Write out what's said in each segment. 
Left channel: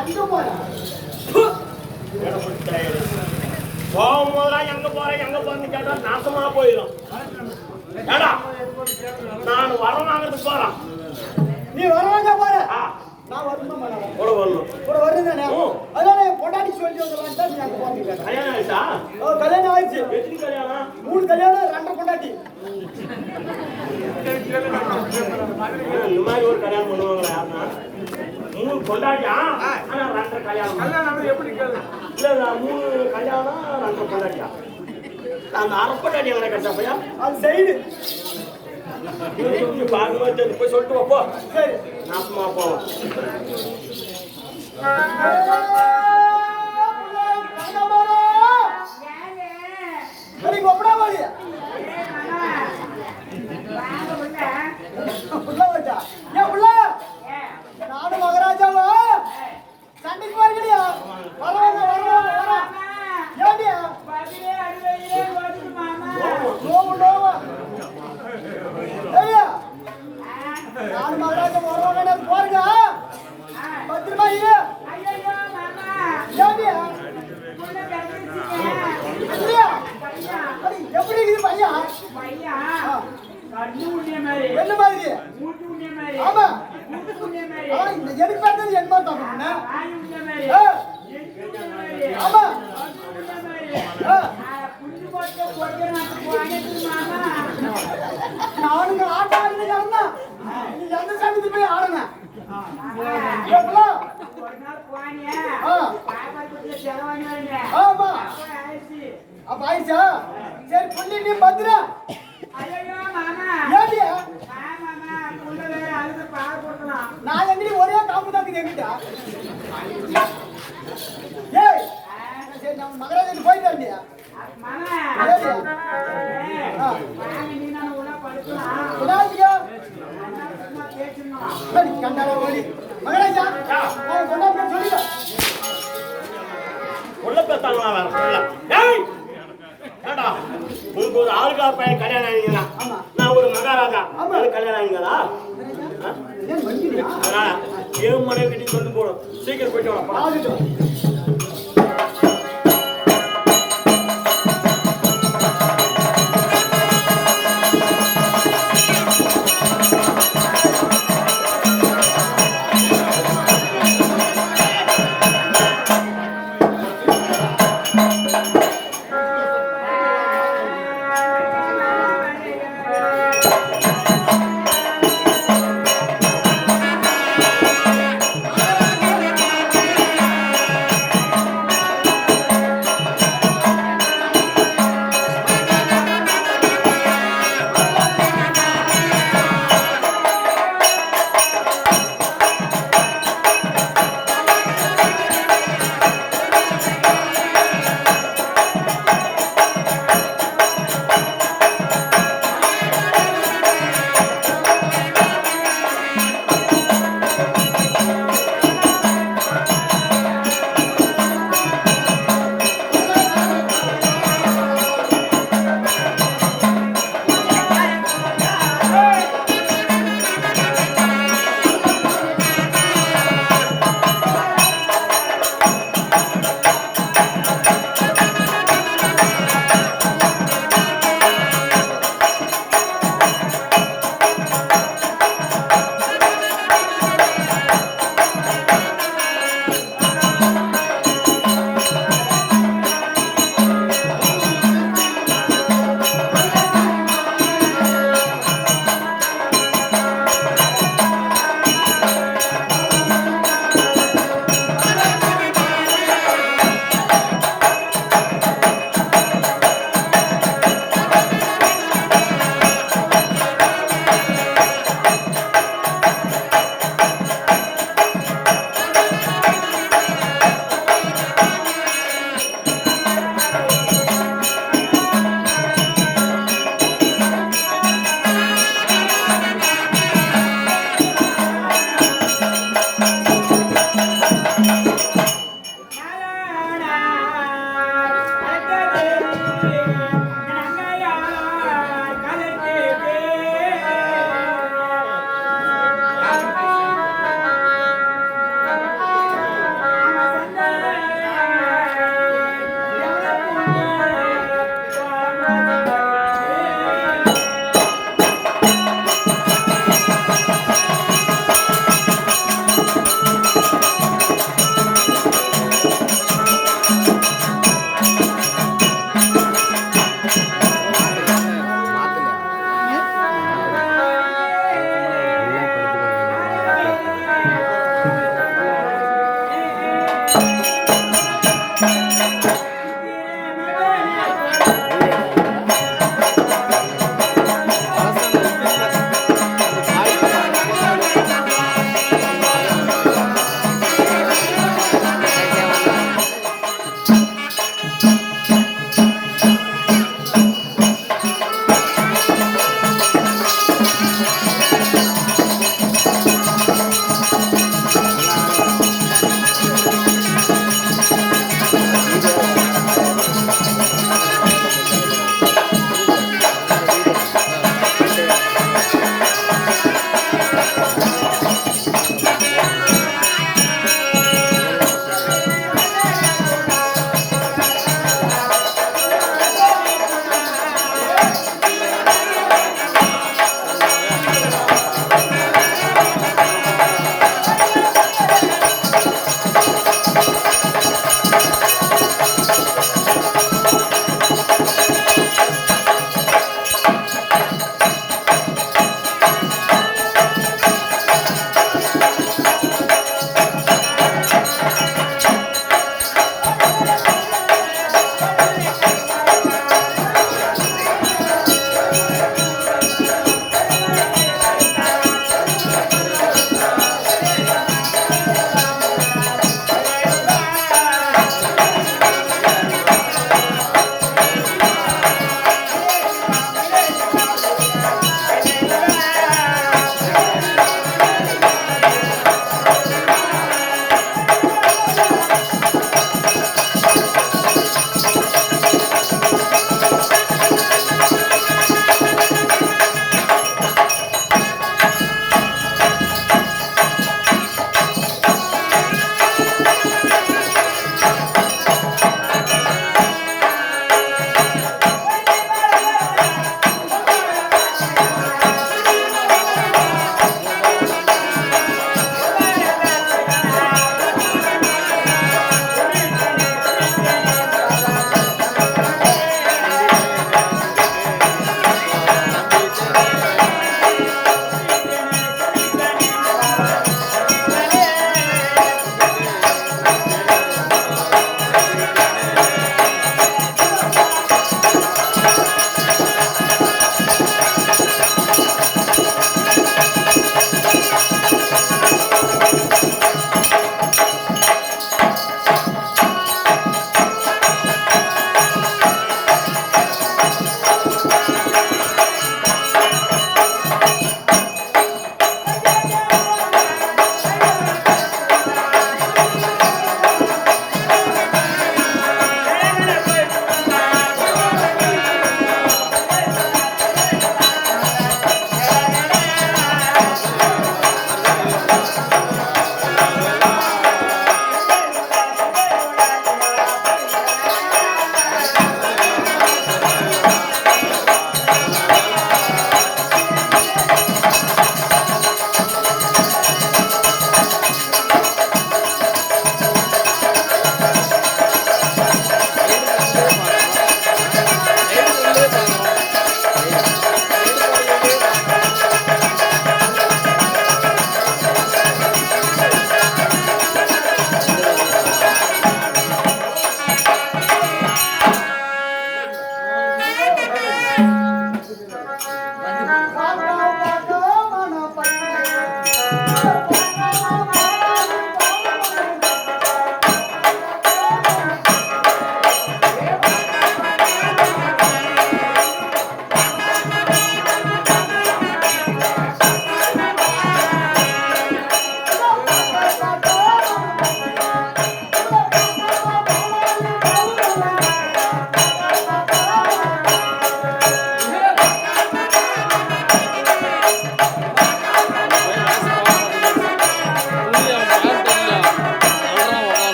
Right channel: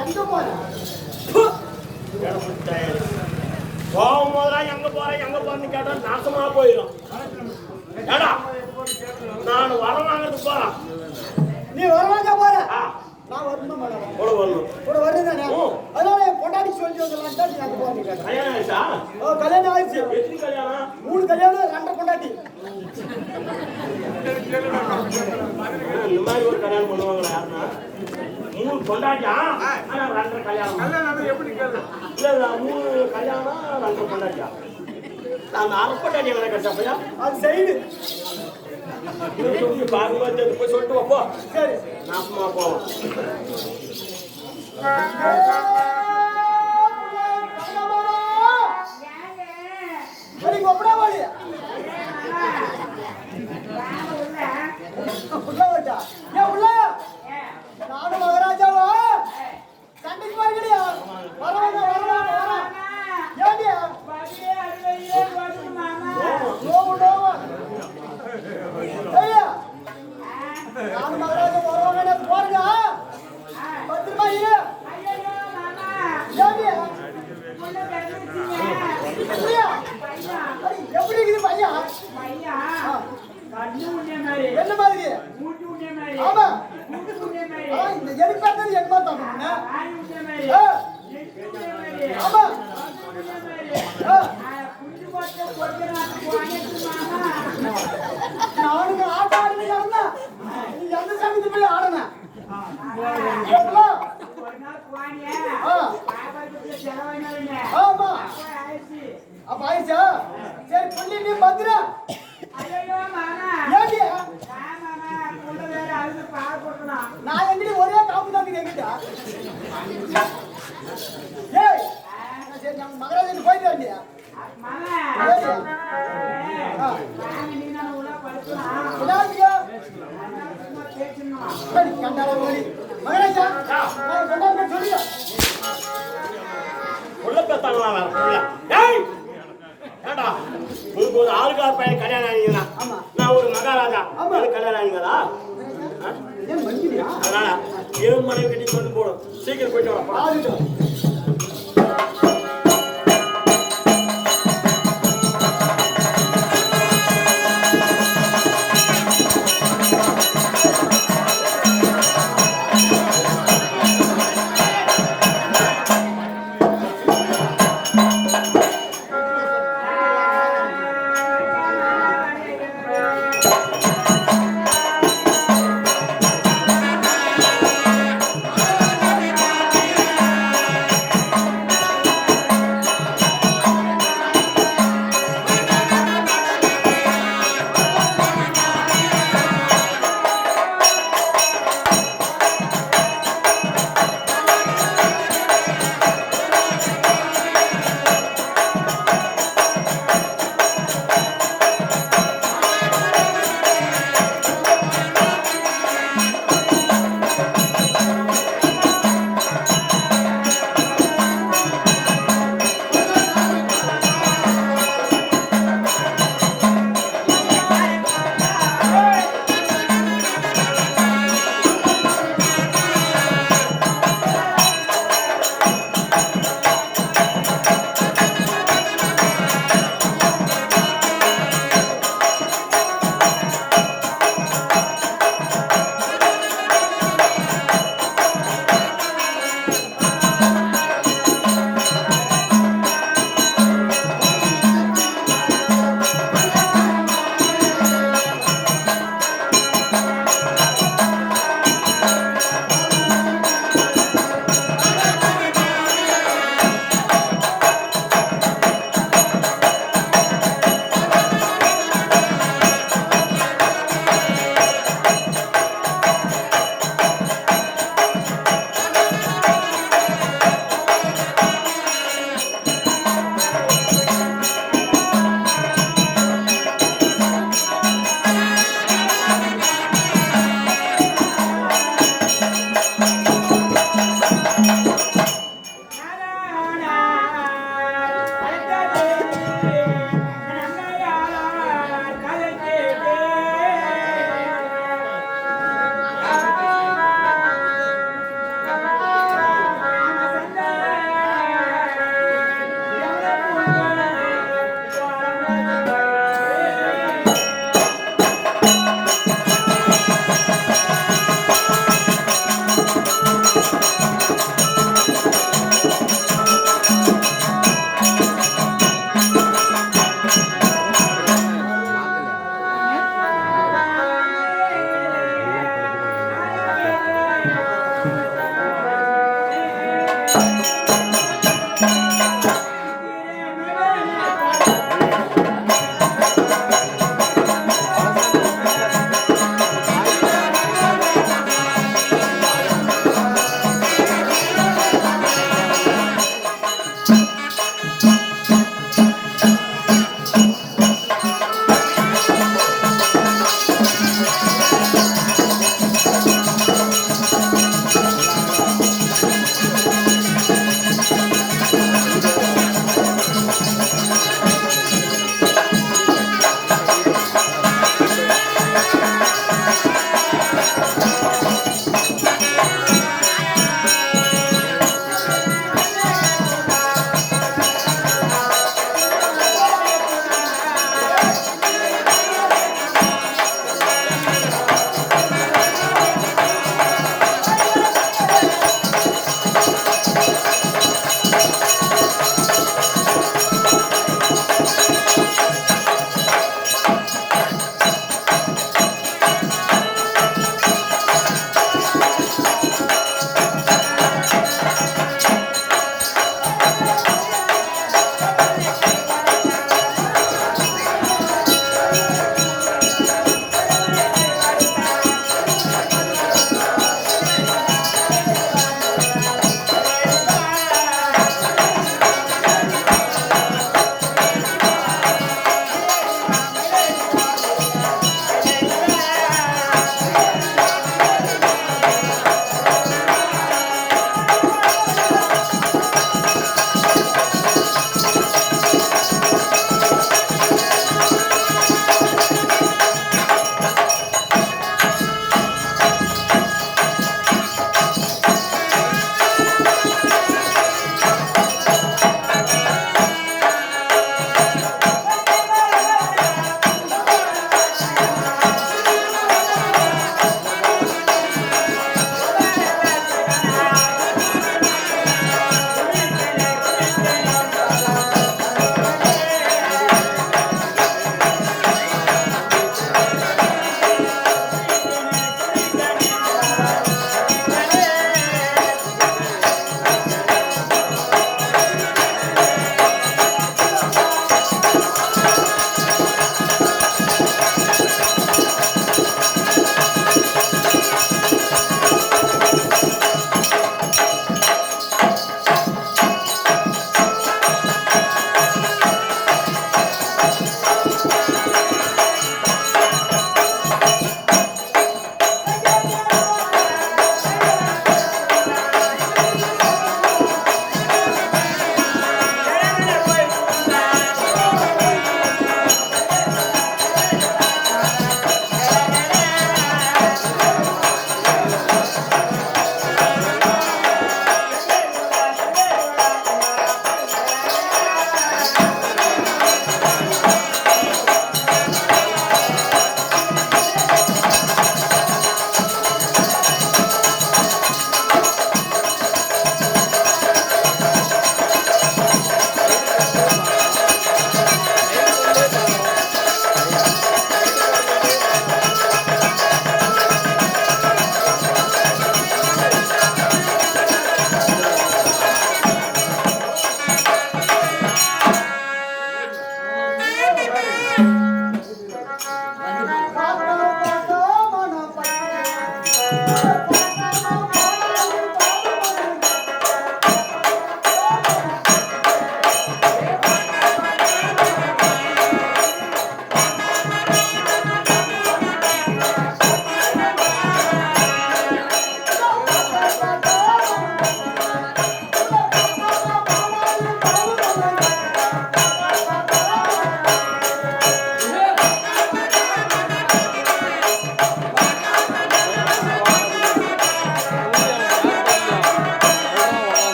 எங்க போற போகும்போதெல்லாம் எங்க போறேன்னு கேட்டா நாசமா போயிடும். ஏடா நான் வரம் வாங்குறதுக்கு போறேன். நீ வரவாங்க போற நான் வரணும் கூட வரணும் கூட வரணும் தானே. அதனால என் பொண்டாட்டி சொல்லி வந்துடலாம். நீ அங்க போறீங்க. கல்யாணம் ஆயிடுச்சா? கல்யாணம் ஆயிடுச்சு. எத்தனை கல்யாணம்? 3 கல்யாணம் 2 பொண்டாட்டி. இந்த மாதிரி ஒரு கல்யாணம் பண்ணுவாங்களா யாருன்னா? 3 பொண்டாட்டியா? ஆனா 2 கல்யாணம். கல்யாணம் எப்படி கேளு? இல்ல 3 கல்யாணம் 2 பொண்டாட்டியா? அந்த அரப்பட்டாட்டி எங்களை கட்டப்பையா? அது சைடு போய் சொல்லிட்டு வாப்போ. சரி நாசமா போவோம். நானும் மகராஜாவா சண்டைக்கு வருகிறியா? வரவாங்க வரவாங்க வர ஏண்டியா நானும் மகராஜா வரவாங்க போறீங்க. பத்திரமா இரு. ஏண்டியா எப்படி இருக்குது பையன்? என்ன மாதிரி? ஆமா எனக்கு பார்த்தது என்ன தப்பு ஆமா நானுங்க ஆட்ட ஆடுங்க இறந்தா நீ எந்த சங்கத்துக்கு போய் ஆடுங்க. ஆமா அப்ப ஆயிடுச்சா? சரி புள்ளி நீ பத்திரா. நான் எங்கடி ஒரே காப்பு தான் எங்கிட்ட. ஏய் சரி நம்ம மகராஜன் போயிட்டா இல்லையா? கண்டாரா ஓடி மகராஜா சொல்லுங்க உள்ள பேத்தாங்களா வேற புள்ள. ஏய் ஏடா உங்களுக்கு ஒரு ஆளுக்கார பையன் கல்யாணம் ஆனீங்களா? நான் ஒரு மகாராஜா கல்யாணம் ஆனீங்களா? அதனால ஏன் மனைவி கட்டி கொண்டு போடும். சீக்கிரம் போயிட்டு வரப்பா.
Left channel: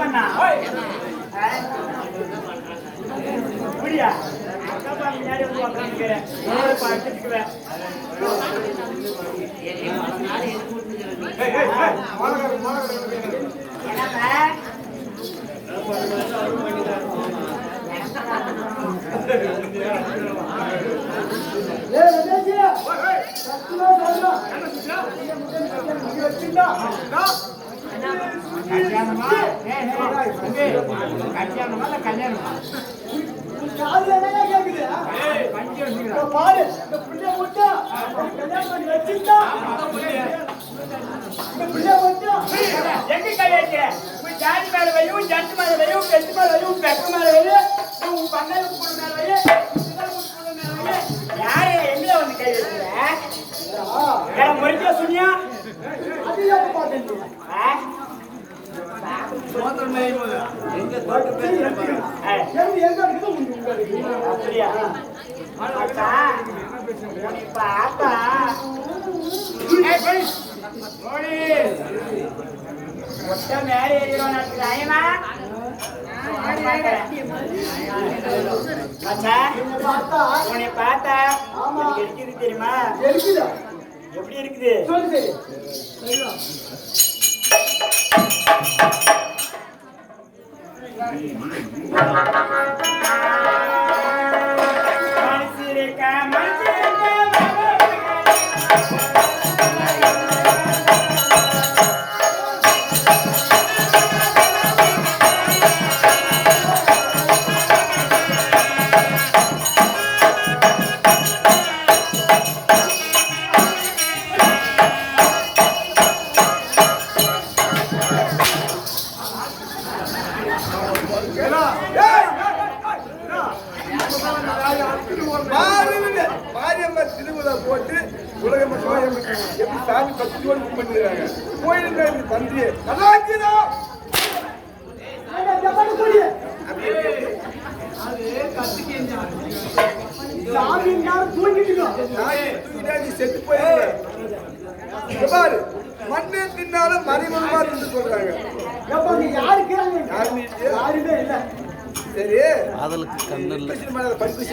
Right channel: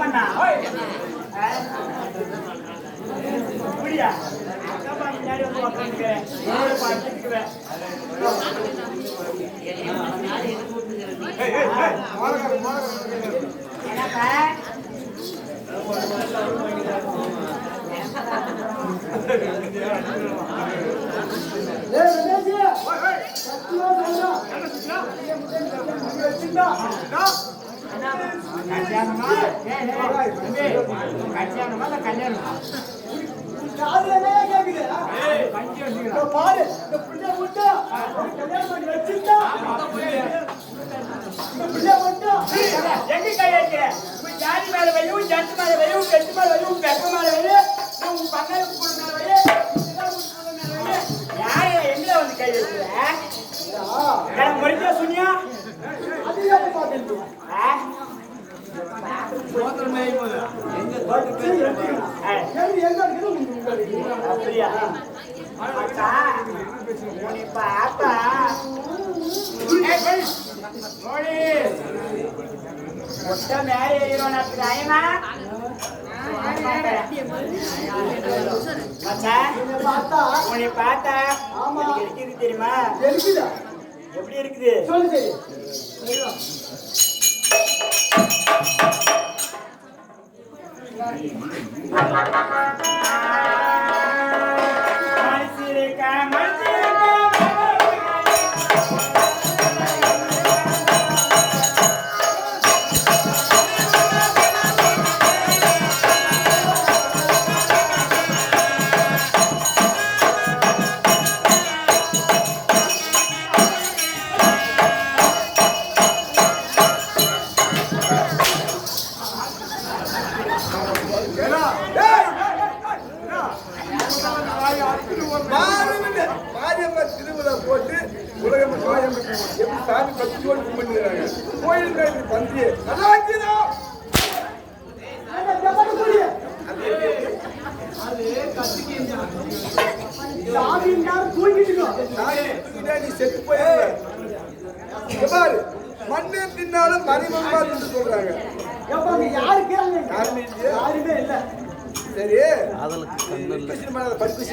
பண்ணா புரியா அக்கா முன்னாடி வந்து உட்காந்துக்கிறேன் படிச்சுக்குவேன் கல்யாணமா கல்யாணமா பாரு இந்த பிள்ளை மட்டும் கல்யாணம் பண்ணி வச்சுட்டா இந்த பிள்ளை மட்டும் எங்க கை வைக்கிற உன் ஜாதி மேல வையும் ஜட்டு மேல வையும் கெட்டு மேல வையும் பெப்ப மேல வையும் உன் பங்காளி மேல வையும் யாரு எங்களை வந்து கை வைக்கிற முறைக்க சொன்னியா அது எப்ப பாத்தீங்க அப்படியா பாப்பா ஒட்ட மேல ஏறிடும் நியாயமா உன்னை பார்த்தா இருக்குது தெரியுமா எப்படி இருக்குது சொல்லு சரி மாரியம்மா திருவிழா போட்டு உலக மக்கள் எப்படி சாமி பக்தியோடு பண்ணிக்கிறாங்க கோயிலுக்கு தந்தி நல்லா இருக்குதா நீ செத்து போயிருக்க பாரு மண்ணு தின்னாலும் மறைமுகமா தின்னு சொல்றாங்க யாருமே இல்ல சரி படிப்பு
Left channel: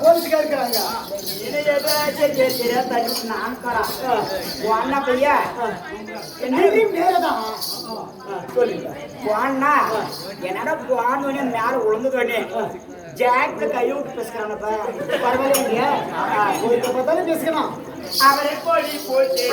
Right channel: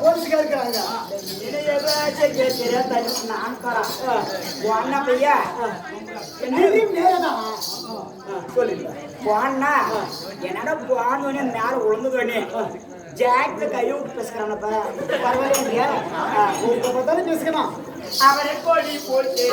போலீஸ்கார இருக்காங்க என்னடா போனோடனே மேல உழுந்துக்கணே ஜாக்ல கையை விட்டு பேசுறானப்ப பரவாயில்ல இல்லையா பார்த்தாலும் பேசுகிறான் அவரை கோழி போட்டு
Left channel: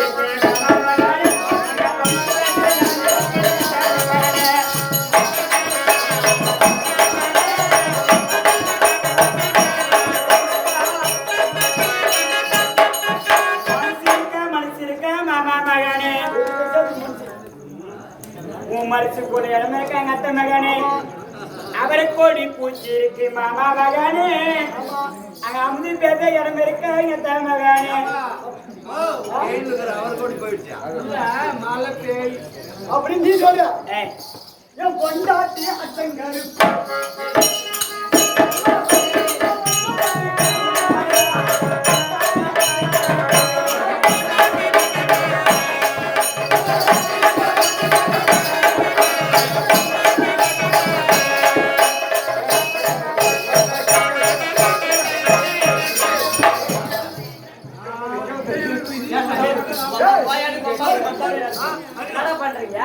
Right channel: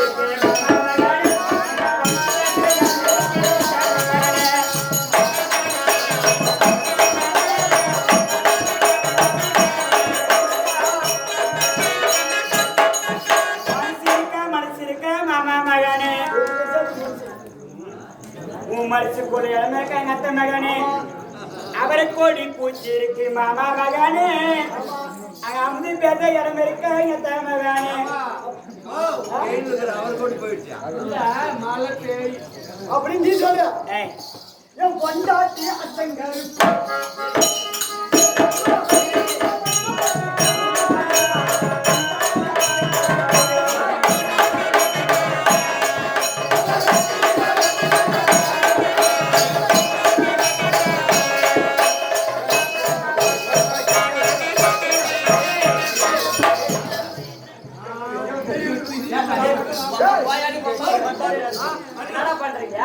மரிச்சு கூட இடம் இருக்காங்க அத்த மகனே அவரை கோடி பூச்சி இருக்கு மாமா மகனே அங்க அமுதி பேச இடம் இருக்காங்க அத்த மகனே அப்படின்னு நீ சொல்ற என் பொண்டாட்டி அச்சங்கரு என்னடா பண்றீங்க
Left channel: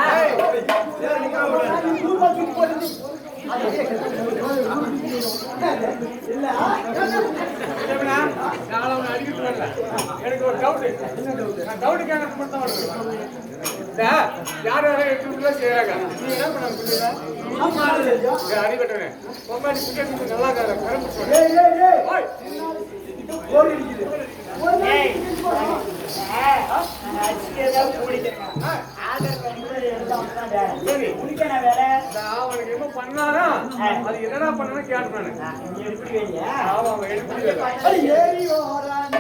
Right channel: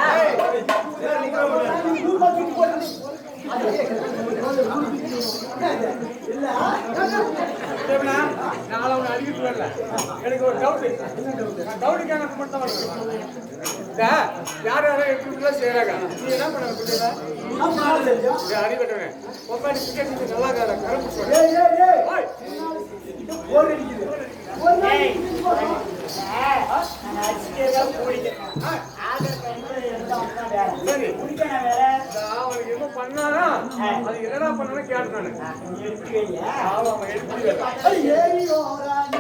அடிக்கிட்டு வரல எனக்கு ஒரு டவுட் டவுட் கேட்கறது மட்டும் தான் யார் யாரும் எப்படி செய்யறாங்க நீ என்ன பண்ண பிள்ளைங்க அடிபட்டவனே பொம்மாடி நல்லா கரம்பு போர் அடிக்குது. ஒரு நாள் ஏய். குடிச்சு போறோம். நாங்க அடிச்சுட்டேதான் குடிக்கிறேன். ஆதர் பயன்பட எல்லாம் தான் வேலை. சரி. குடிக்கணும் வேலை. அவனுக்கு என்ன பண்ணாரா அது என்னடா பண்ணனு கேட்டேன் நானு. நீ எப்படி வையா? அவன் எழுப்பி அது ஏறி ஓரான்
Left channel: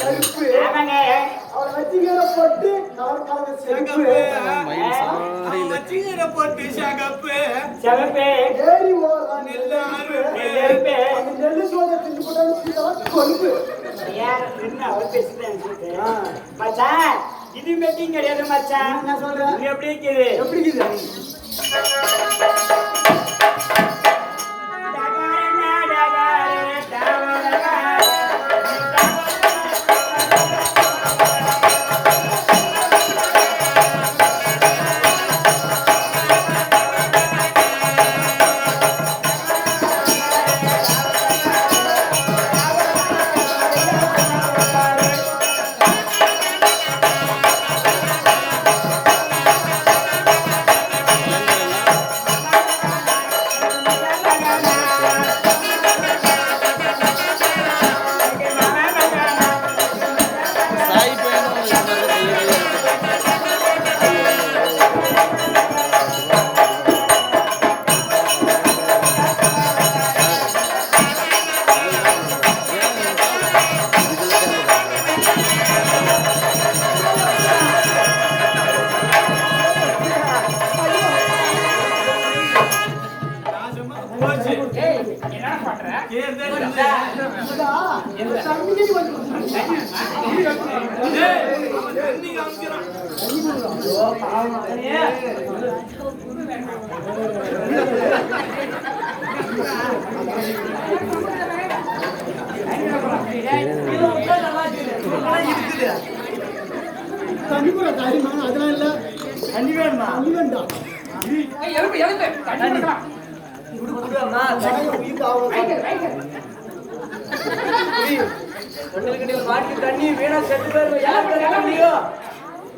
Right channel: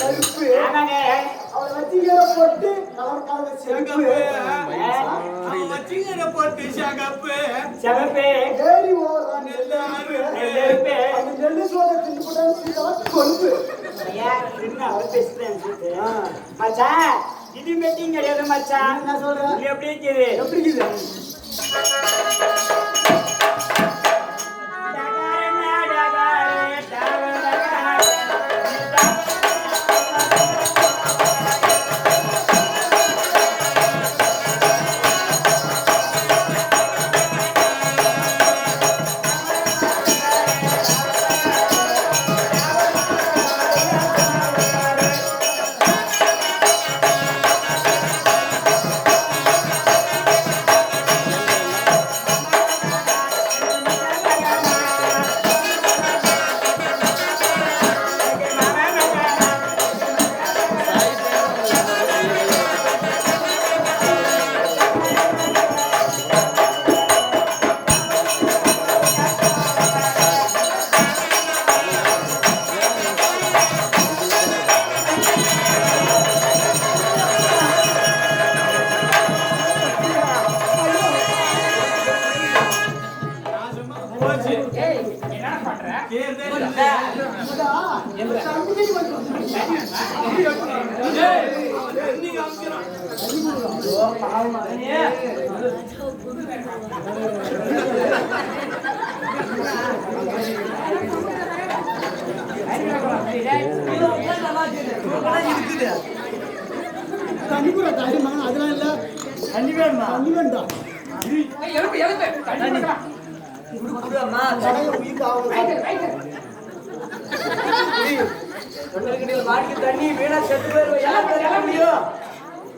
கருப்பு ஆமாங்க. அவளை வச்சுக்கிற போட்டு கலர் கலர் செருப்பு சிவப்பு, ஏறி ஓடுறான் நெல்லு நெல்லெருப்பு. அந்த நெல்லு சோதை தின்னு போட்டாங்க கொழுப்பு ஐயா, என்ன அவர் பேசுறேன் சொல்லிட்டு. மச்சான், இது மெட்டிங் கிடையாது மச்சான். என்ன சொல்ற? இது எப்படி இருக்குது? எப்படி இருக்குது தண்ணி கூட காரியமா அதெல்லாம் இல்ல தண்ணி வேணுமா? தண்ணி வேண்டாம் தடைய உயிர் தண்ணி வீணா செத்து போயிருவோம். யார் தர முடியும்?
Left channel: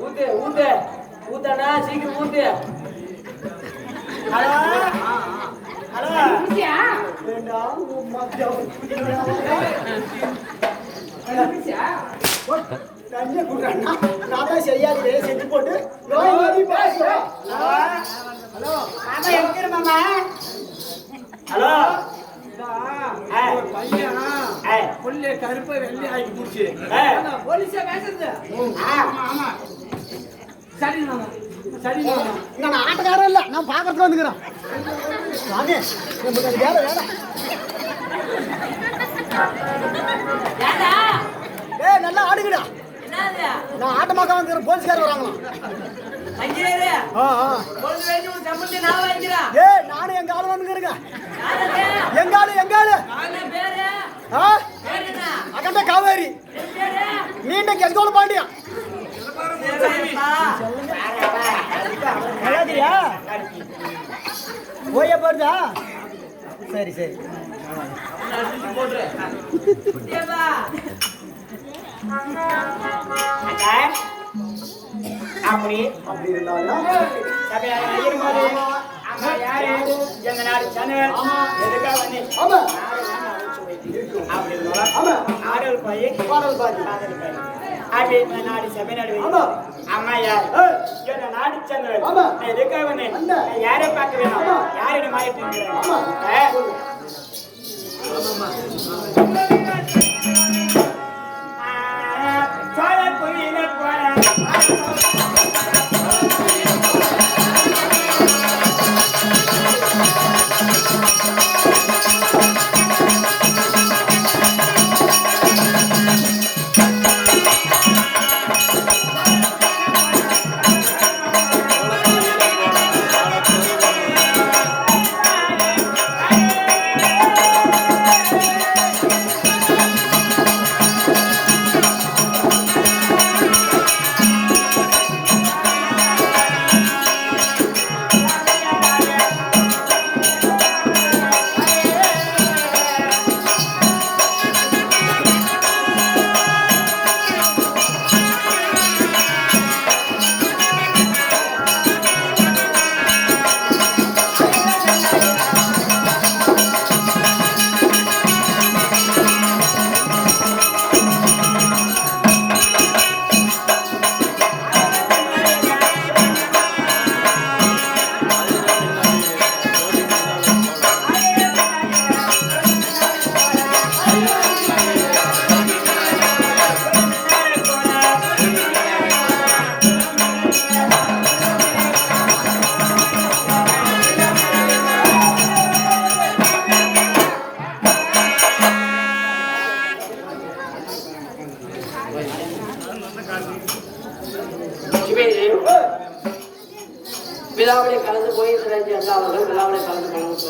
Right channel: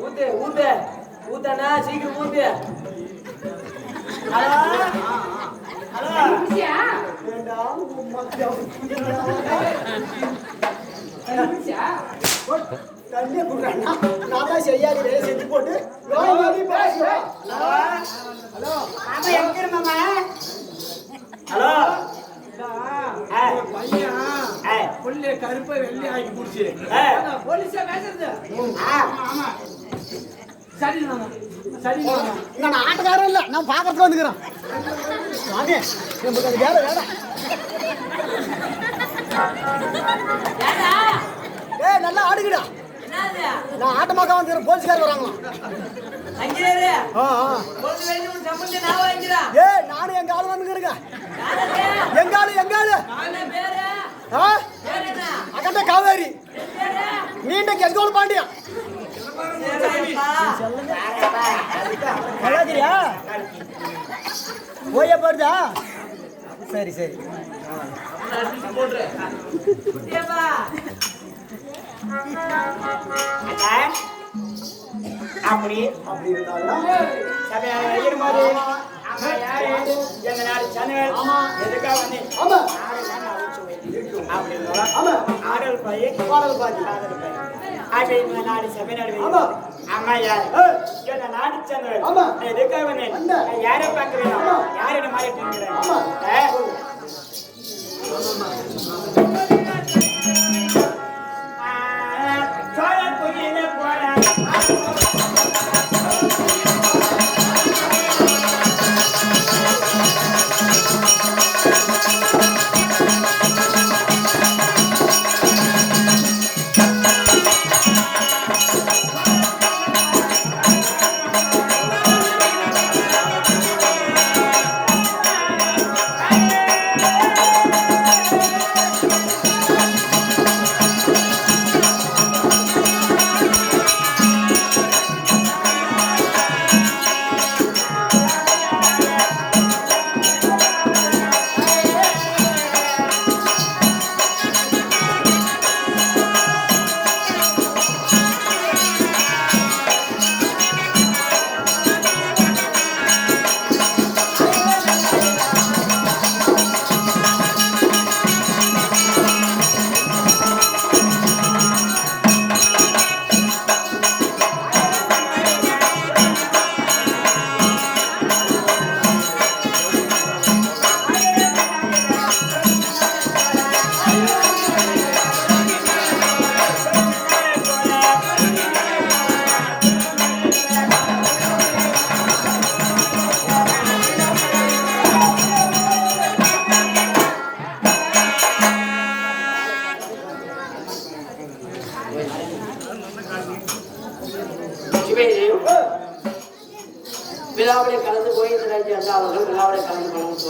ஊத்து ஊத்து ஊத்தண்ணா, சீக்கிரம் ஊத்து. ஹலோ ஹலோ, வேண்டாம் தண்ணியை கொடுறாண்ணா நான் தான் செய்யாதே செஞ்சு போட்டு ஹலோ மாமா, எங்க இரு மாமா? ஹலோ கருப்பை வெள்ளி ஆகி போச்சு போலீஸா பேசுறது சரி சரி நான் ஆட்டக்காரன் இல்ல நான் பாக்கிறதுக்கு வந்துக்கிறேன் வாங்க நமக்கு அது வேலை வேலை ஏய் நல்லா ஆடுங்கடா என்னது? நான் ஆட்டமாக்க வந்துக்கிறேன் போலீஸ்காரர் வராங்களா அங்கேயே ஆ பொழுது வேண்டி உன் சம்பந்தி நான் வாங்கிக்கிறேன். ஏய் நானும் எங்க ஆளு வந்துக்கிறேங்க யாரது? எங்காளு என்ன பேரு? ஆ பேரு என்ன? அகண்ட காவேரி என் பேரு? நீண்ட கெங்கோல் பாண்டியன் சரிப்பா. நல்லாதிரியா ஓய்ய போடுதா சரி சரி குட்டியாப்பா. அதான் அப்படி அப்படி இருந்தாலும் சபையாக இருக்கும்போது அம்மா யாரு, எந்த நாடு சேனல், எதுக்காக வந்து ஆமா நாடு நான் அழிச்சு வைக்கும் அப்படின்னு ஆமா ஆடல் பாய் பாடல் பாதி காதல் பாய் அப்படி இந்த நாடு சபை நாடு ஆமா. அம்மா யாரு, எந்த நாடு சேனல், ஆமா. நான் எதுக்காக வந்தேன், வந்த. நான் யாரை பார்க்க வேணும், ஆமா. யாரை மாறிட்டு இருக்கிறேன். ஆமா. சோழ புலியில போற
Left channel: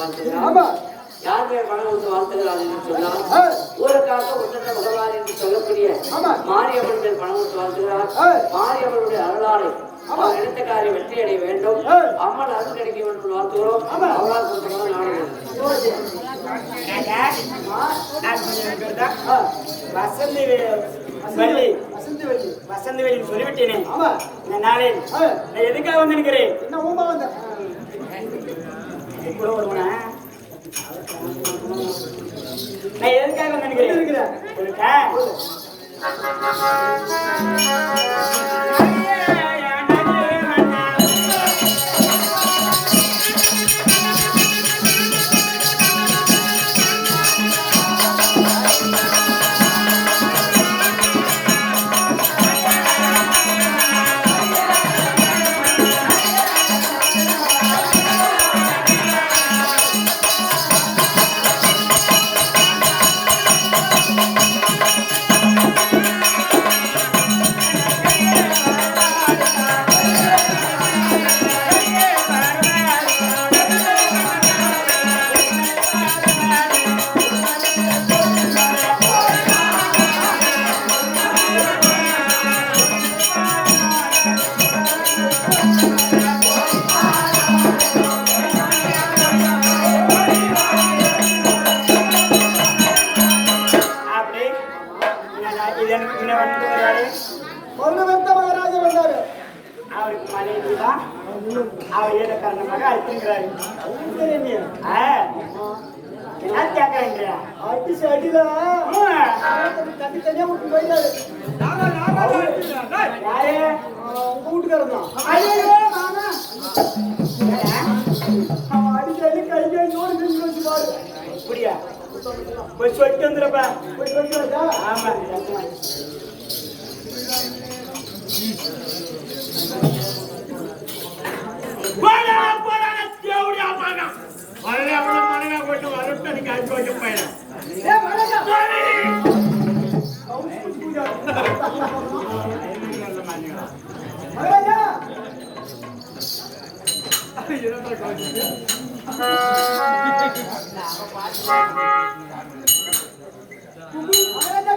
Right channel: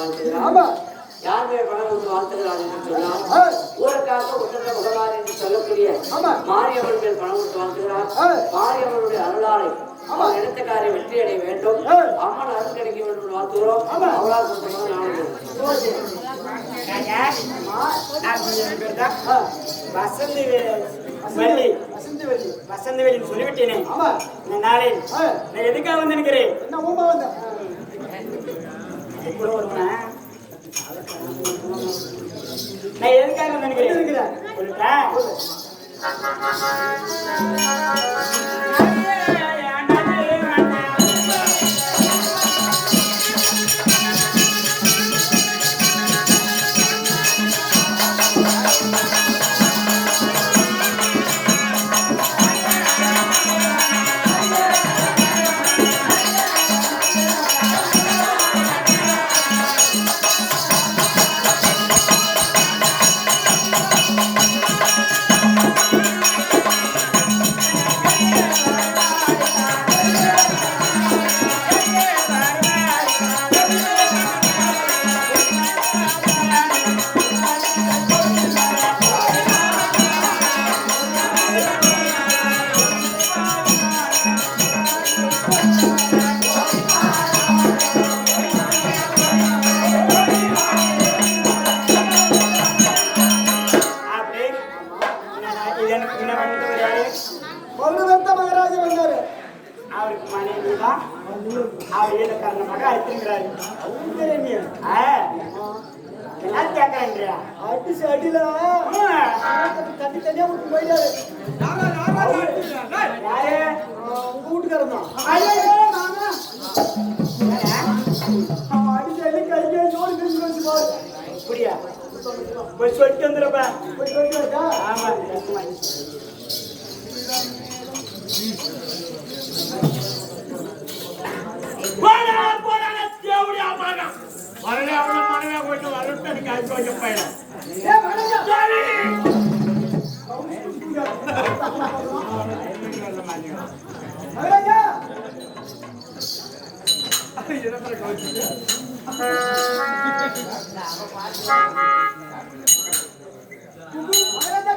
வாழ்த்துகிறார். ஆமா. யார் பேர் பணம் கொடுத்து வாழ்த்துகிறார் என்று சொன்னால் ஆ. ஊருக்காக உன்னத முகமாரி என்று சொல்லக்கூடிய ஆமா. மாரியம்மன் பேர் பணம் கொடுத்து வாழ்த்துகிறார். ஆ. மாரியம்மனுடைய அருளாலை ஆமா. எடுத்த காரியம் வெற்றி அடைய வேண்டும். ஆ. அம்மன் அருள் கிடைக்க வேண்டும் என்று வாழ்த்துகிறோம். ஆமா. அவரால் கொடுத்தவங்க நாளைக்கு ராஜா, அது என் பேர் தான் ஆ. வசந்தி வள்ளி. வசந்தி. வசந்தி வள்ளி சொல்லிவிட்டேனே. ஆமா. இந்த நாளில் ஆ. நான் எதுக்காக வந்து நிற்கிறேன்? என்ன ஊமா வந்த? கூட வருவனா? நான் எதுக்காக வந்து நிற்கிறேன்? சொல்லிட்டா? அவருக்கு மனைவி தான் அவர் ஏழு காரணமாக அழைத்திருக்கிறாரு. என்ன கேட்கறேன்றியா? அடிச்சு அடியில தண்ணி தனியா விட்டு போயிட்டாரு. யாரு? உங்க வீட்டுக்காரன் தான். அவன் அடிச்சு அடி கை கை நோடி நின்று வச்சு பாரு. இப்படியா? போய் சொல்லிட்டு வந்துடுறப்பா. போய் சொல்லிட்டு வந்தா? ஆமா சத்துமா.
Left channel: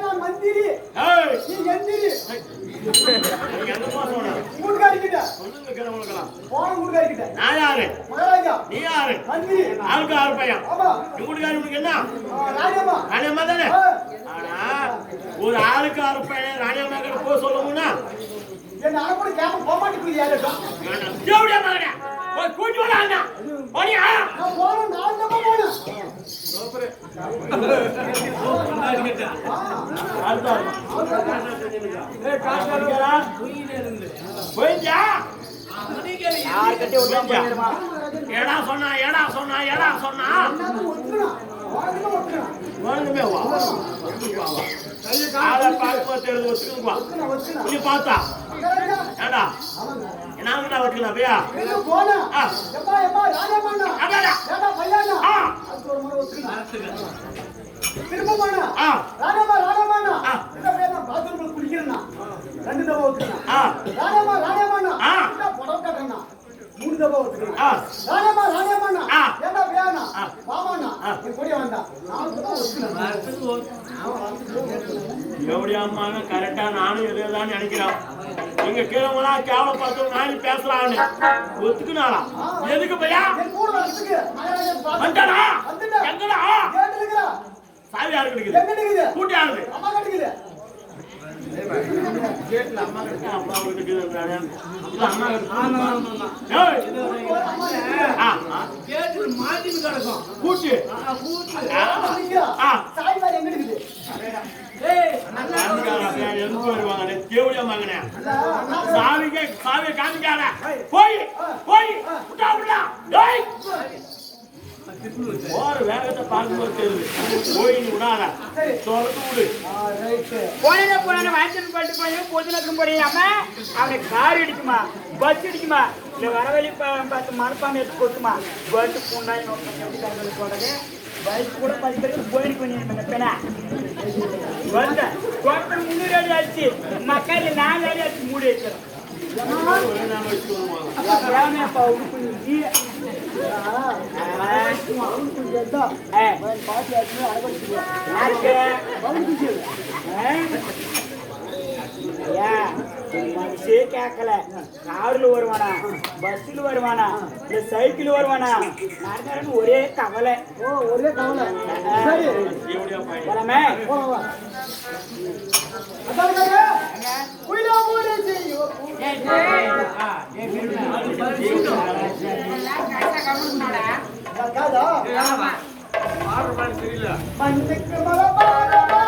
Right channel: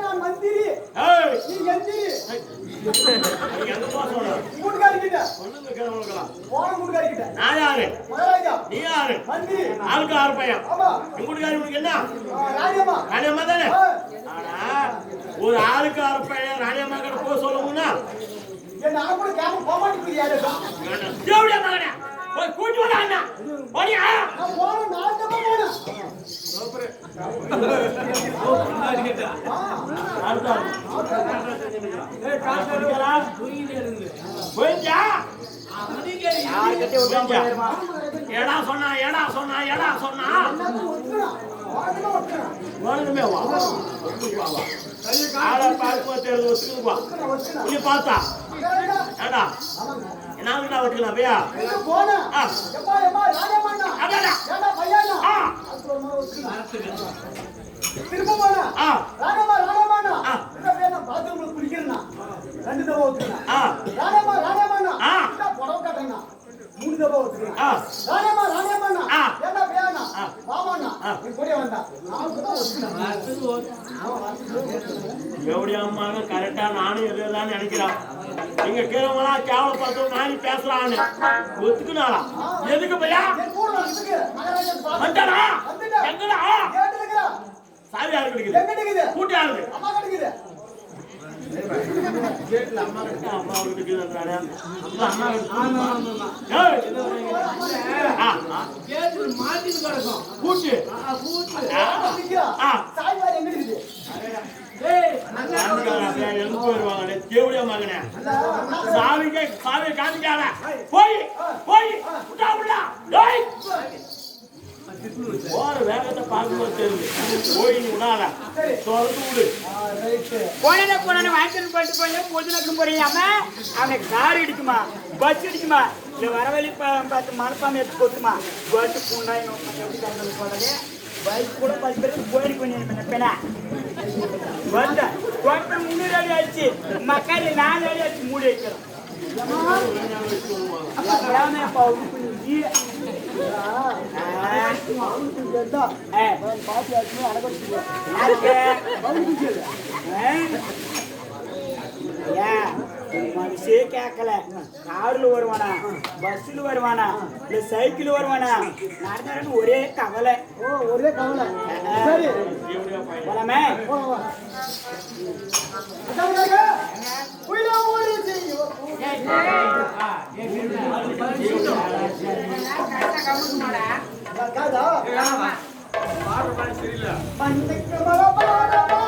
நான் மந்திரி நீ எந்திரி கூட்டுக்காரிக்கிட்ட போன கூட்டுக்காரிக்கிட்ட நான் யாரு? மகாராஜா நீ யாரு? மந்திரி ஆளுக்கு ஆறு பையன். ஆமா எங்க வீட்டுக்காரி உனக்கு என்ன? ராஜம்மா ராணியம்மா தானே? ஆனா ஒரு ஆளுக்கு ஆறு பையன் ராணியம்மா கிட்ட போக சொல்லுங்கன்னா என்ன அனுப்பி கேம போக மாட்டேங்குது. தேவடியா மகனே போய் கூட்டி வராங்க. போடியா? நான் போறேன். நான் தான் போறேன். போயிட்டா? யார்கிட்ட உட்கார்ந்து ஏடா சொன்னா ஏடா சொன்னா ஏடா சொன்னா நான் ஒத்துறேன். வாடகை ஒத்துறேன். வேணுமே வா. ஆளை பார்க்கும்போது தெரிஞ்சு ஒத்துக்குவா. ஒத்துறேன். நீ பார்த்தா மகாராஜா ஏடா என்னால நான் வச்சுக்கலாம் பையா. எங்க போனா எம்மா எம்மா ராஜம்மா அடடா ஏடா பையனா ஆ அது ஒரு முறை ஒத்துறேன். திரும்ப போனா ஆ ராஜம்மா இந்த பையன் நான் பாத்ரூம்ல குளிக்கிறேன்னா 2 தடவை ஒத்துறேன். ஆ ராஜம்மா ஆ இந்த புடவை கட்டறேன்னா 3 தடவை ஒத்துறேன். ஆ ராஜம்மா ஆ ஏடா பையனா பாவானா நீ போய் வந்தா 4 தடவை ஒத்துறேன். எப்படியா அம்மாங்க கரெக்டா நானும் எதுதான் நினைக்கிறேன். நீங்க கேவலா கேவலப்படுத்த நானி பேசலான்னு ஒத்துக்குனாளா? எதுக்கு பையா? என் கூட வரதுக்கு மகாராஜா வந்தானா? வந்துட்டா எங்கடா? கேட்டுக்கறா சாவி யாரு கிடைக்குது? எங்க இருக்குது? கூட்டி யாரு? அம்மா கிடைக்குது. கேட்ல அம்மா கிட்ட அம்மா இருக்குதுன்றானே. அம்மா ஏய் கேட்ல மாட்டி கிடக்கும். கூட்டி சாய்வார் எங்க இருக்குது? எதுக்கு வருவாங்க? தேவடியா மகனே சாவியை காமிக்காத. போய் போய் விட்டா விடா. போற வேகத்தை பார்க்கும்போது தெரியுது. போய் நீ விடாத தொடர்ந்து விடு. போனே போனே வாங்கிட்டு போயிட்டு போய் போதுனக்கு போறீங்க. அவனை கார் இடிக்குமா பஸ் இடிக்குமா இல்ல வரவழி பார்த்து மனப்பாங்க எடுத்து கொத்துமா பட்டு பூண்டாய் எப்படி சொல்றது பைக் கூட பைக்கு போயிட்டு கொஞ்சம் பெண்ணா வந்த தோட்டம் 300 அடி ஆச்சு மக்கள் 4 அடி ஆச்சு மூடி வைக்கிறோம். எப்படாமே கொஞ்சம் எதா ஆ. பாட்டி ஆச்சுமே அடக்கடிச்சுக்கலாம் யாருக்கு பவுனுக்கு ஏன் மனுஷே கேட்கல. கார்ல வருவானா, பஸ்ல வருவானா, இல்ல சைக்கிள் வருவானா, நடந்தாலும் ஒரே கவலை. ஓ ஒரே கவலை சரி போலாமே? போலாம் வா அதான் குயிலா போடு செய்யோ காதா பாடுற மாதிரி சரியில்லை. மண்ணுக்கு மலை பாரமா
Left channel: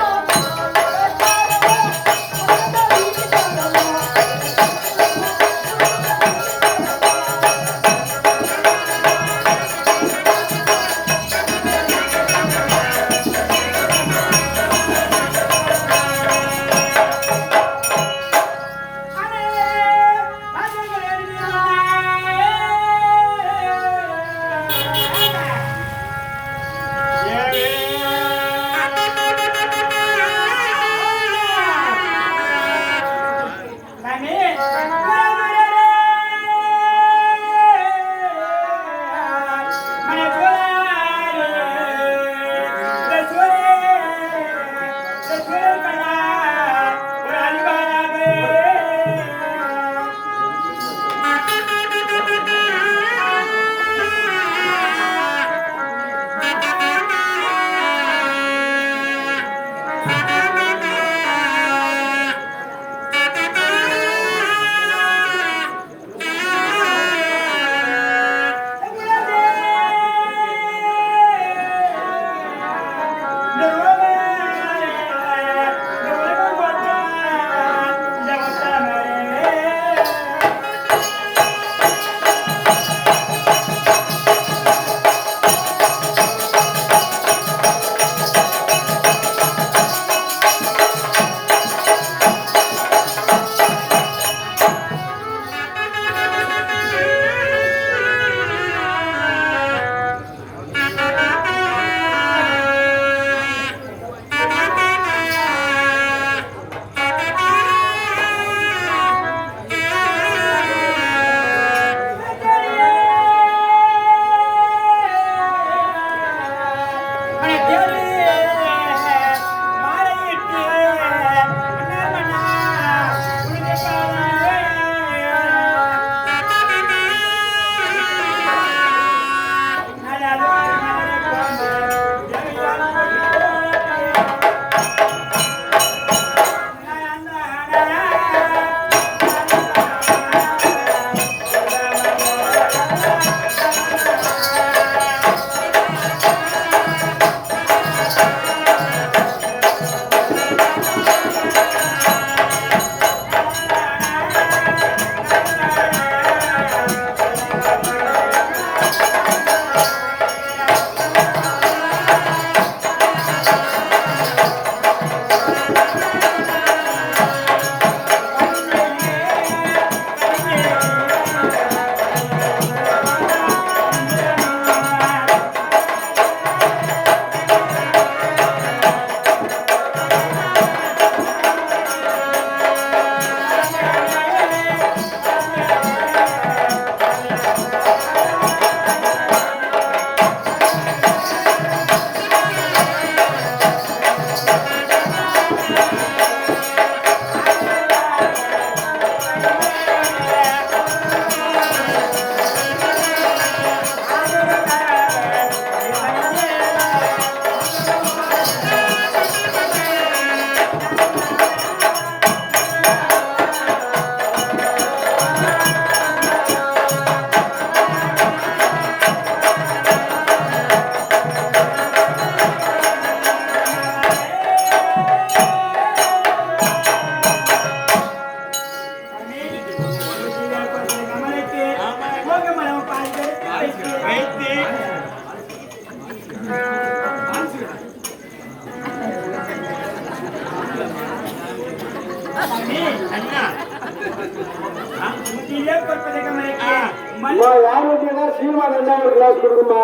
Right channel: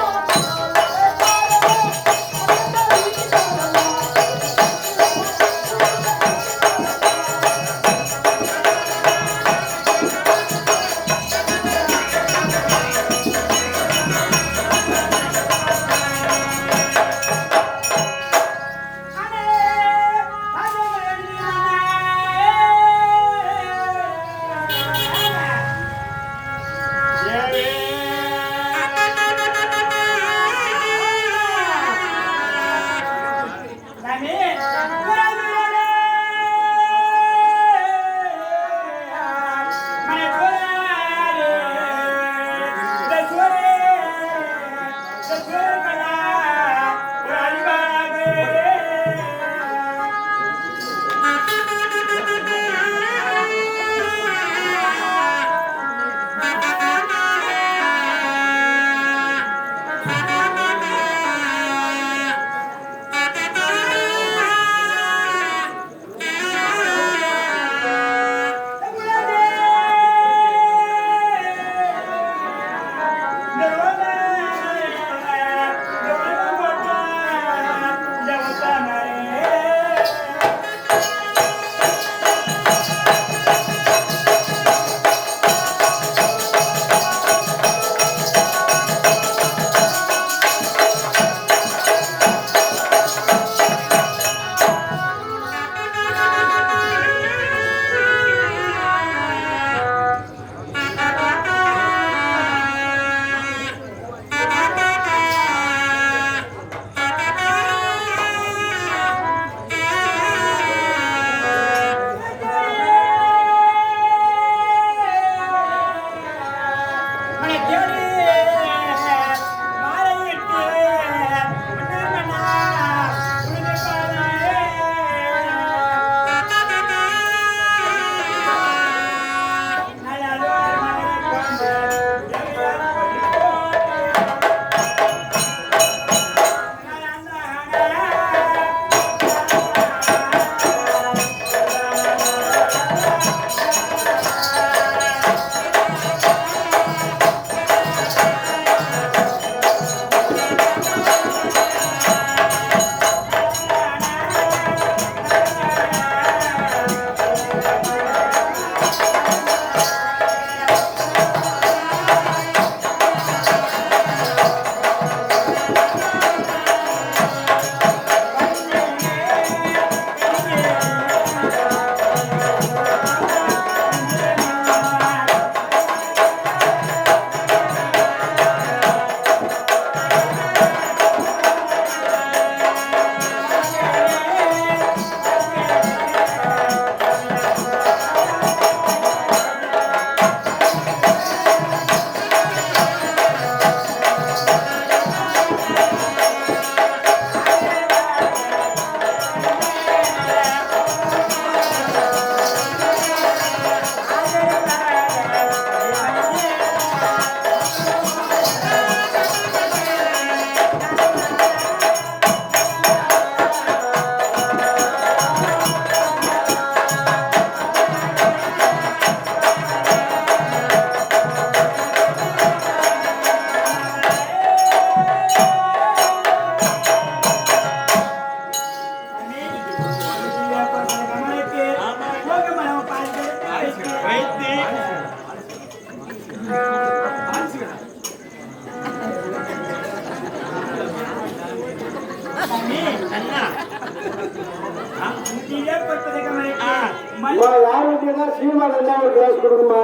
சீமான் என்ன ஒரு கிளாஸ் கொடுக்குமா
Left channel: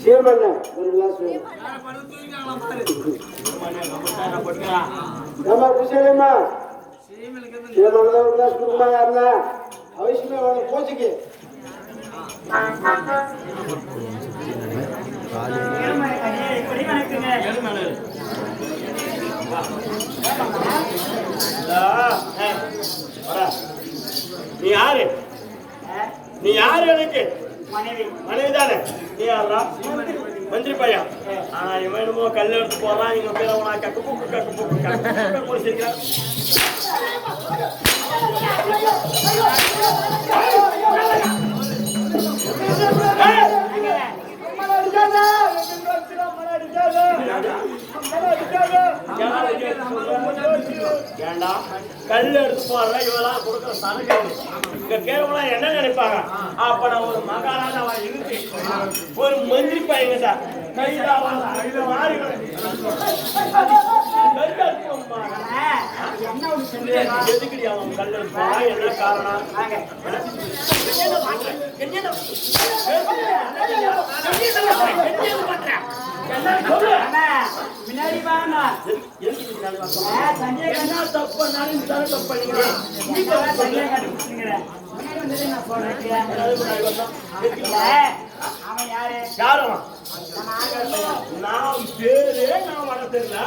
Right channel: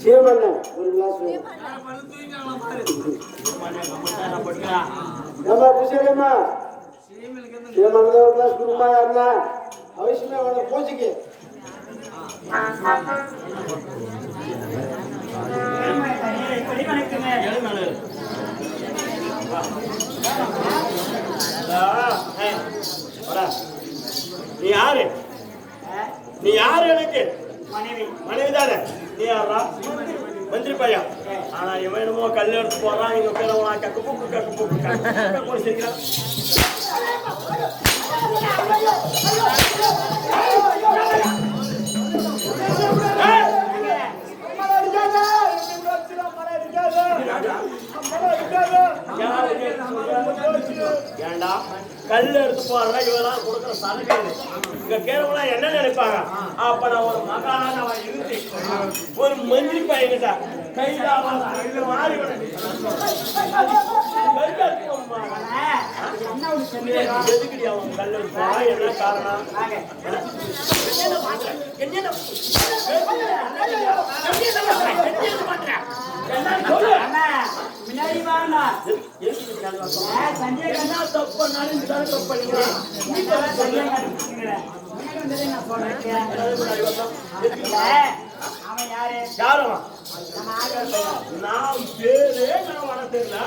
சீமன் ஒரு கிளாஸ் நம்ம குசேலம்மா சீமன் ஒரு கிளாஸ் கொடுக்குமா யாருன்னா அவசியமே போச்சுக்கு நீ யாரா மந்திரி பையன் ஆனா இவன் என்னமோ கல் எடுத்து போறான் இங்க பேர உனா கக்கு பூக்கு கூட சிரிக்கிறான் ஏண்டா கல் எடுத்து போடுற இவெல்லாம் கொடுக்குற சரக்கு இங்க கேரவெல்லாம் என்ன நினைப்பாங்க அப்ப நான் ஒரு மகாராஜாவா இருந்து ஒரு மந்திரி பையன்டா எதுக்கடி அவன் கல் எடுத்து போறான் என்ன காரணம் முன்னாடி வாங்க என்ன தப்பு பண்ணாலும் தப்பு பண்ணிக்கிறேன் அவன் யாரு யாரும் நம்ம ஆண்கள் பையன் நான் பேரே நான் வர தெரியல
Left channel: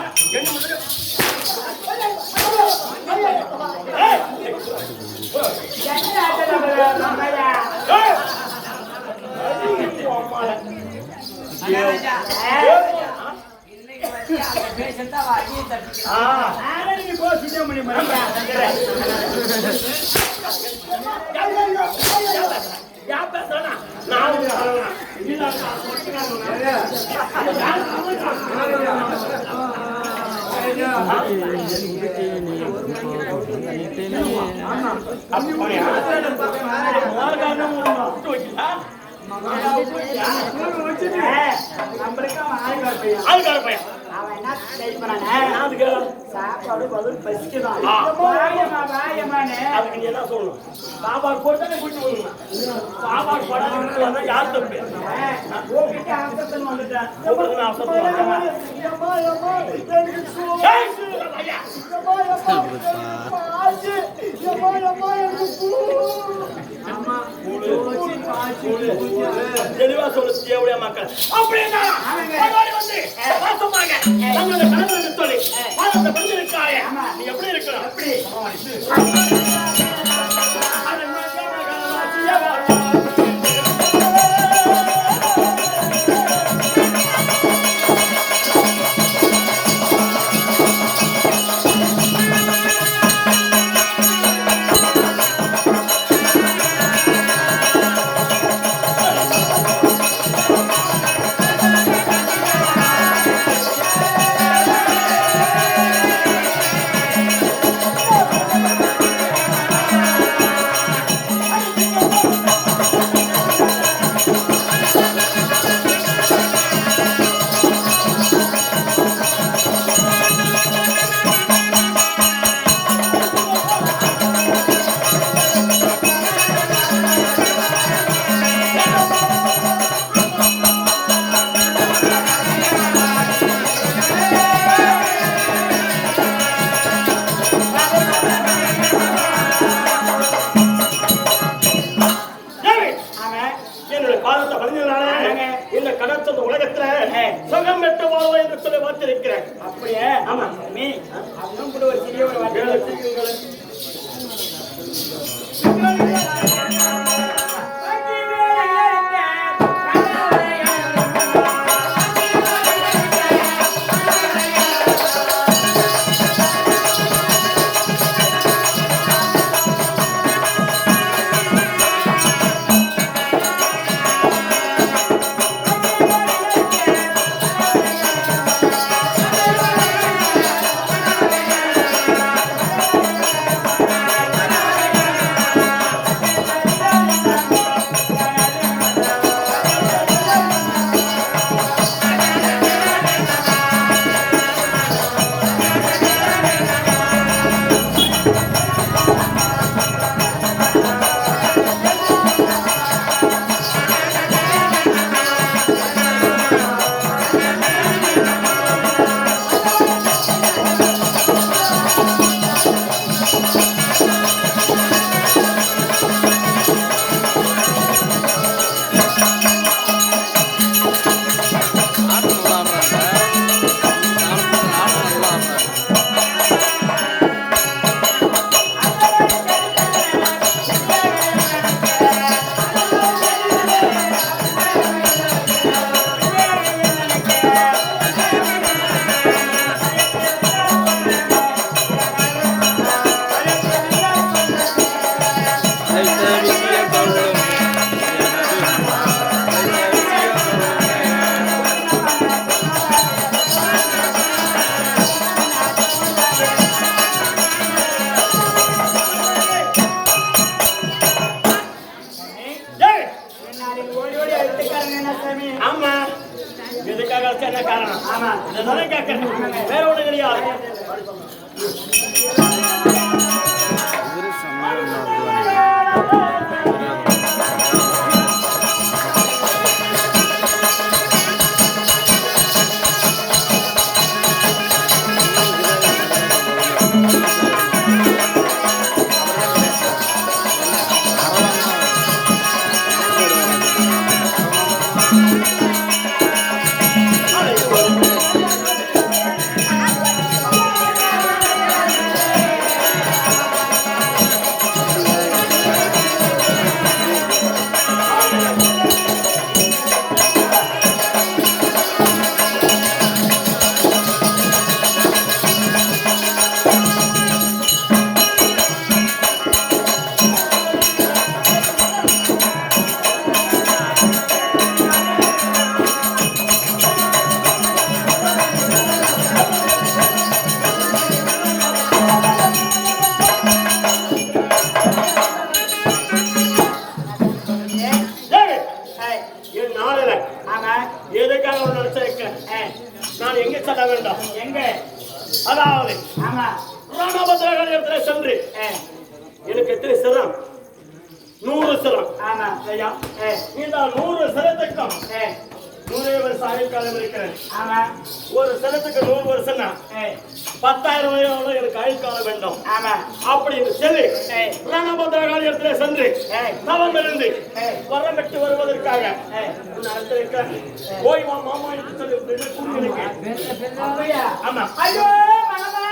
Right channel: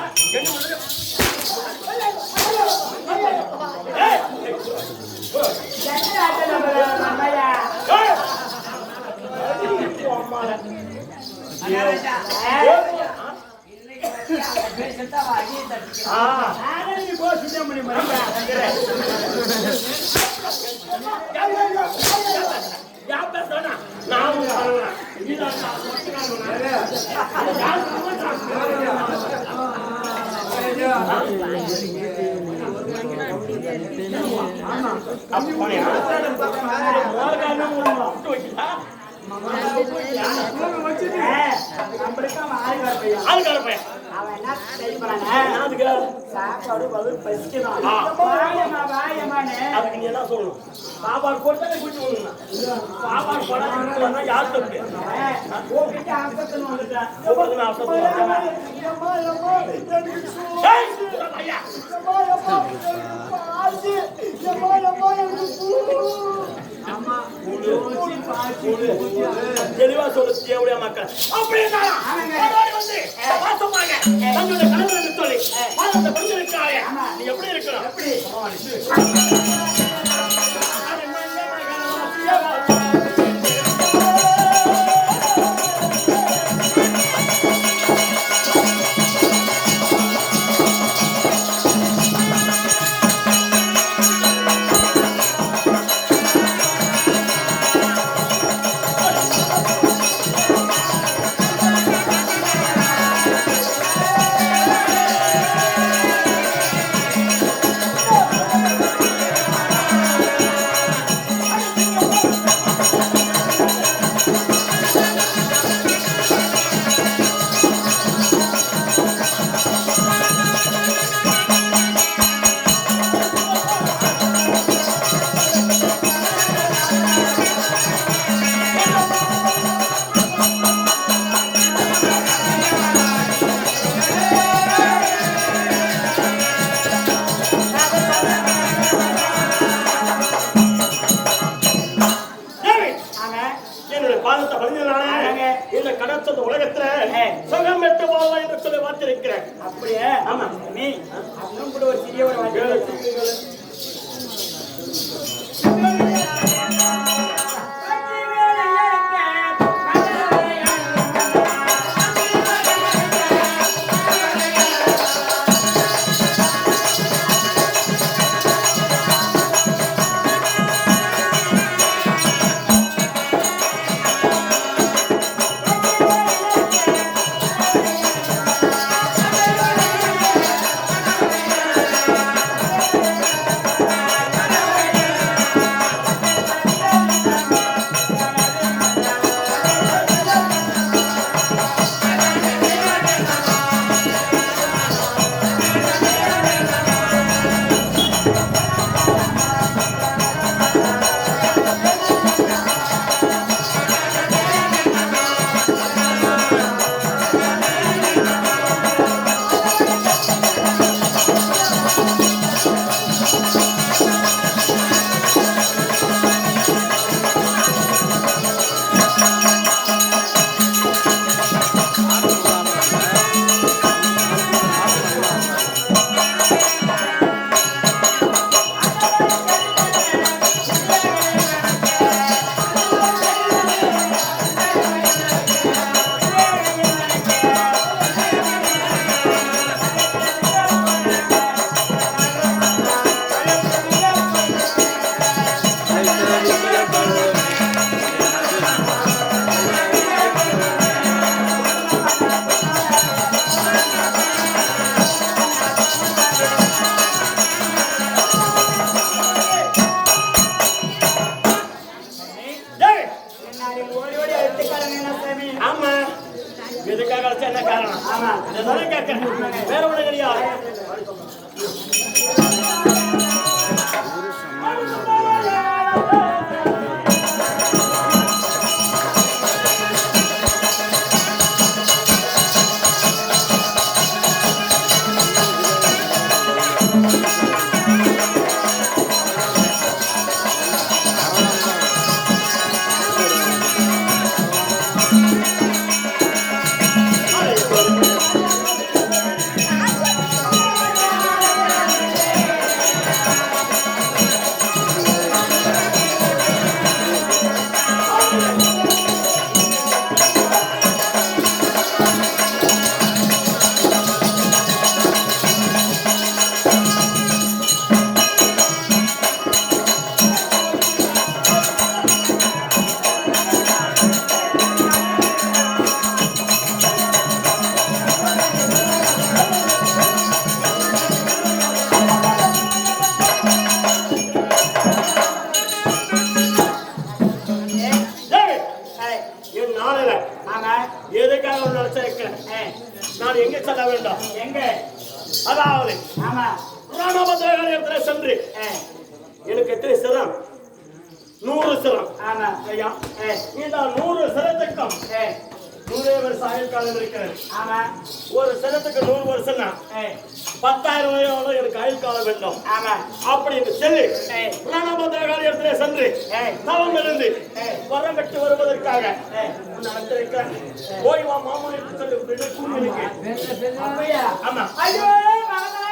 ஆளுக்கார பையன் அவன் என்ன செய்ய சாப்பாடு பதில் பசிக்குதான் அதுக்கு நீ என்ன சொல்லணும் சாப்பாடு போட்டு குடிச்சு வரணும் சாப்பாடு போடாத யார் தப்பு தெளிவா சொல்லு தேவையா மக்கள் அப்படியே வந்து வாசமாக தங்களுடைய கணவன் சொல்லி வாழ்ந்த பெண்களுக்காக நீ எப்படி இருக்கணும் இந்த கடத்த உலகத்துல சுகம் பெற்று வாழ்வா என்று சொல்லி வார்த்திருக்கிறேன். அப்படியே ஆமா நீ அதுவும் கூட ஒரு சிறிய ஒரு ஆமா எதுக்காக அழைச்சா என்ன காரணம்? ஆமா. இதை கேட்கிறேன், வேற ஒண்ணு கிடையாது. என் நாளில ஆமா. எதுக்காக நினைச்சிருக்கிறேன், நான் எங்க செல்ல வேண்டும்? எங்க? அதாவது ஆமா. ராமபத்ரகாளியத்துல சென்று எனக்கு எத்தனை சிரம்? 100 சிரம். ஆமா. ஐயா நீதான் 100 சிரத்துக்கும் 100 வருஷம் ஆயுள் காலம் இருக்கிறது. ஆமா. ஒரு சிரத்துக்கு 100 வருஷம்னா 10,000 வயது எனக்கு ஆயுள் காலம் வேண்டும். ஆமா. அப்படின்னு சொல்லி ராமபத்ரகாளியத்துல சென்று தவம் இருந்து வரம் பெற்று வருவதற்காக நடத்திருக்கிறேன். போய் வா மாமா என்று சொல்லி கூறியிருக்கேன். அப்படியா? ஆமா. ஐயோ மாமா.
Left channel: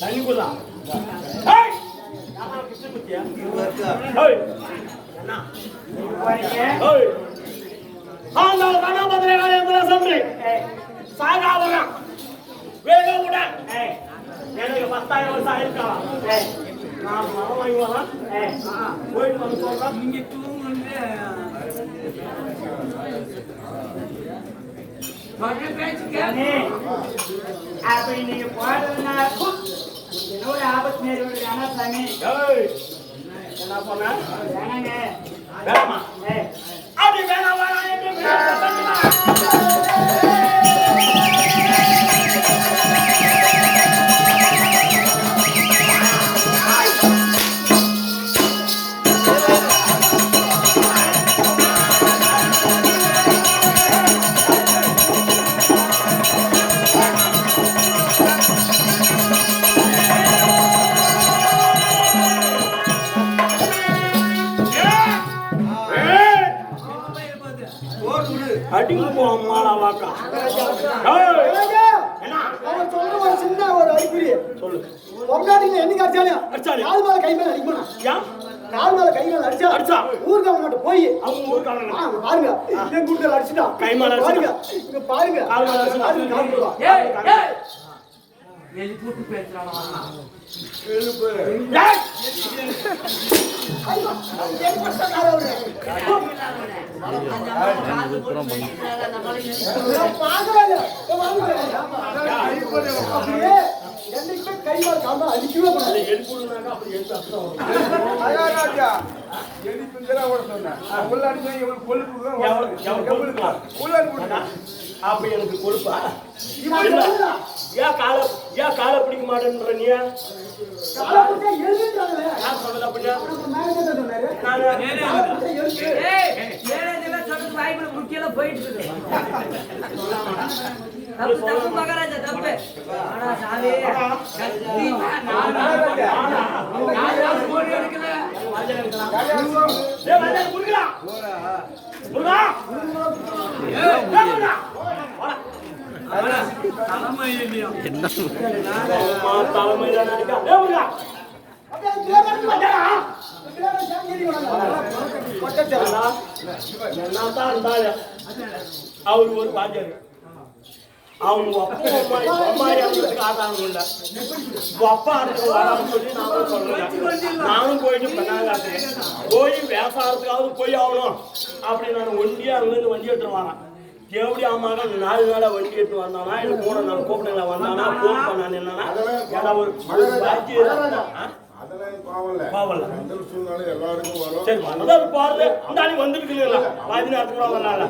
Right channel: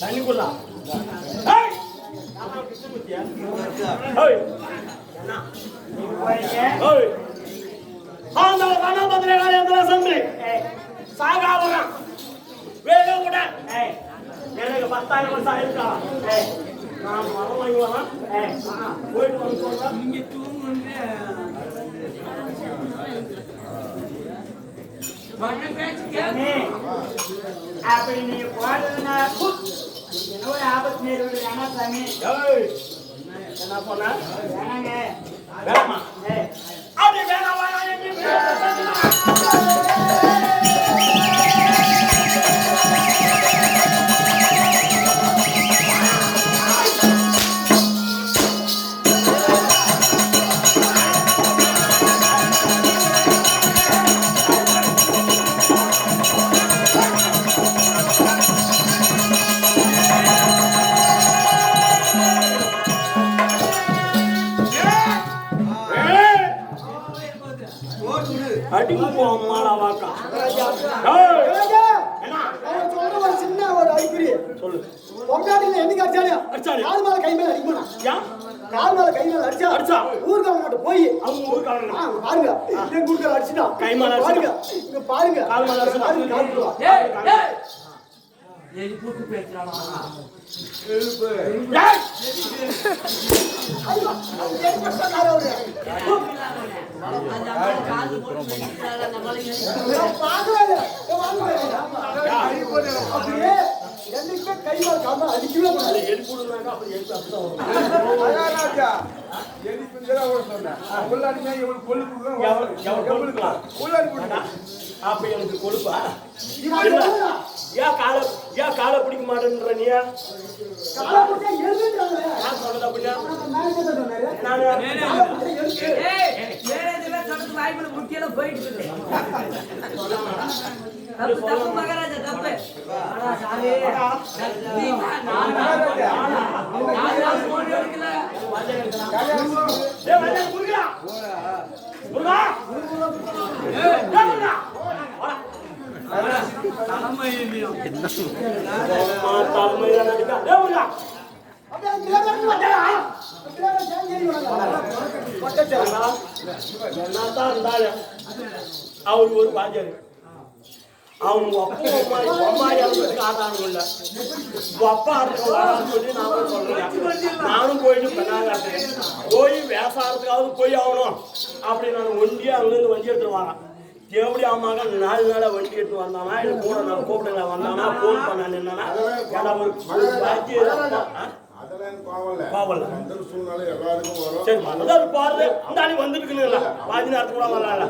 தண்ணி குடுறா சாகாவரம் வேக விட எனக்கு 10,000 வருஷம் ஆயிருக்கலாம் நான் மரம் வாங்கி வரலாம் போயிட்டு வந்து சொல்றேன் அப்படி நீங்க போறதுனா என்னோட ஆபத்து நேரம் ஆனா சாமி என்ன பண்ண வேணாங்க வேணாமா அது வேணாம் அடிங்க போமாடா வாக்கா என்ன அவர் சொல்ற ஒரு சின்ன ஒரு அறிகுறி சொல்லு பொம்னாட்டிங்க என்னைக்கு அடிச்சாலே அடிச்சாலே. கால் மேல கை மேல அடிக்கணும் ஏன் கால் மேல கை மேல அடிச்சா அடிச்சா. ஊர்காவங்க கிட்ட போய் அவங்க ஊருக்காரங்க அங்க பாருங்க என் கூட்டல அடிச்சிட்டான் கை மேல பாருங்க இங்க பாருங்க கால் மேல அடிச்சிட்டான். பாருங்க, கால் போடுவா. எலி கூட்டு பேசுறானா ஐயோ, என் பட்டக்கார அவரு. நான் பார்க்கறாங்க. நான் வாங்குறேன். அப்படியே என்னைக்குமே கை மேல கால் மேல அடிக்கவே கூடாது. எழுப்புடுனாக்கா அப்படி எழுத்து அப்படிதான் வரும். எவ்வளவு கொழுப்பா? அப்ப எனக்கு கொழுப்பா இல்ல ஏன் காலை பிடிக்க மாட்டேன்ற நீ காலை பிடிச்சா எழுதுன்றாங்களே. யார் சொன்னது அப்படின்னா நம்ம மேனேஜர் தான் சொன்னாரு. நானு காலை பிடிச்சா எழுது. மேரேஜ்ல சொல்றது வாய்ப்புல முக்கியம் போயிட்டு இருக்கு தப்பு தப்பு மகாராஜா தப்பு ஆனா சாமி நான் போன் எடுக்கல ஏய் வாஜா முருகா முருகா ஏய் முருகா வாடா தலைமையில நடிக்கா ஏய் முருகா அப்படியே அந்த பேர் வந்து வந்தாரா? பேர் வந்து சேங்கேரி வந்தாரா? பக்கத்துல என்னதான் இருந்தாலும் அவர் ஒரு வாஜாரு அவங்க அப்பா அம்மா இறந்ததுக்கு ஆதாரம் இல்லை அப்பா அடுத்த வாடான்னு சொல்லி நானும் சொல்றேன் நானும் போயிட்டு பெண்ணாங்காட்டுறேன் போய் விவசாயத்துக்காவது போய் ஆகணும் அப்படி நான் ஒண்டியா அங்கிருந்து வண்டி எடுத்துட்டு வாங்க எப்படி ஆமாங்க 4 நாளா வண்டி எடுத்து வந்தானா இல்லை கூட நம்ம கூப்பிடுங்களா வந்தானா போன் பண்ணான்னு என்னன்னா ஏன்னா ஒரு பாக்கி பாவல்ல சரி அதாவது பாருங்க இந்த ஆளி வந்துருக்குங்களா பாதி நேரத்து கூட வரல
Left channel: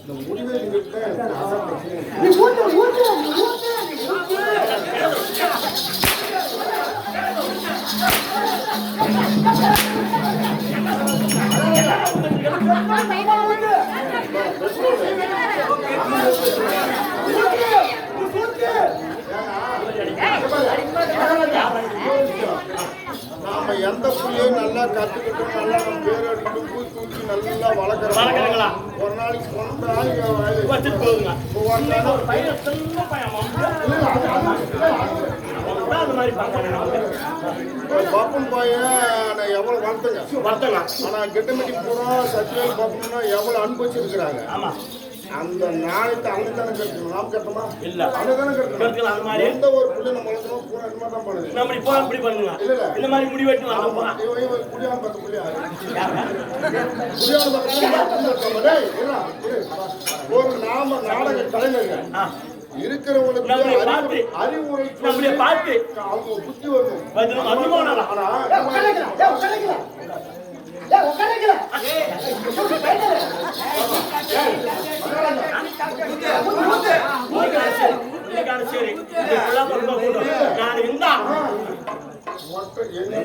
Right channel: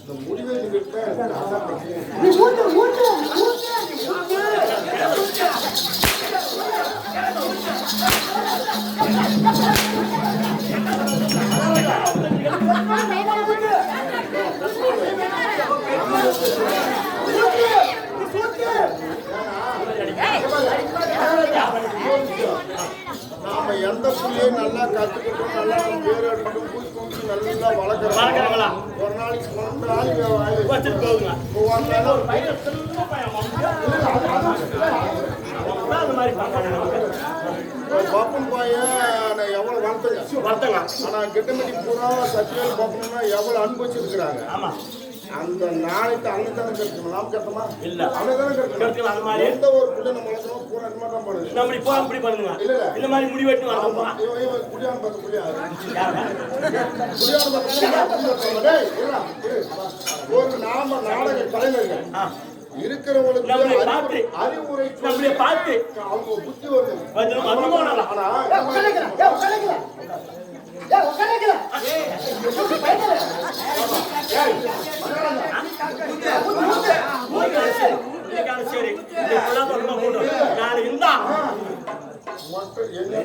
இந்த முடிவை நீங்க நீ ஊத்து ஊத்து ஊத்து. நாம எந்த புள்ளையும் நல்லா கத்துக்கிட்டோம் நல்லா நம்ம பேர் எடுத்துட்டு பூசி தூக்கி நல்லா வளர்க்குறங்களா ஒரு நாளைக்கு 1 நாளைக்கு வச்சுட்டு போகுங்க ஒரு ஒரு பையன் சின்ன பையன் அந்த மாதிரி பார்க்கானே நமக்கு பப்பன் பையன் எவ்வளவு வளர்த்தங்க ஆனா கெட்டமெட்டி பூரா சத்தியால் பப்பனா எவ்வளவு அனுபவிச்சிருக்கிறாங்க ஆமா அந்த நாளைக்கு அங்கதானே கட்டணும் நாம் கட்டமா இல்ல அங்கதானே கட்டணும் அந்த மாதிரி எந்த ஒரு புள்ள நம்ம வளர்க்கணும் பூரா இந்த மாதிரி தான் பண்ணுது நம்ம இப்போ இப்படி பண்ணுங்க இந்த மாதிரி முடி வெட்டி வந்து போறான் இவன் குடியான பத்து புள்ளி யாருங்க குடியான பத்து ஒரு நாம நாடக கலைஞர்கள் இருக்கிறவங்களுக்கு நம்மளை பார்த்து அறிவுரை நம்மளை பார்த்து அவங்க புத்தி வரும் வந்து அனுமானம் ஆனா உட்காந்துக்கலாம். ஏய் உட்காருங்க சரி நீ ஃபுல்லா தொடர்பா போட்டு நாளைக்கு இருந்தா மொட்டை எங்க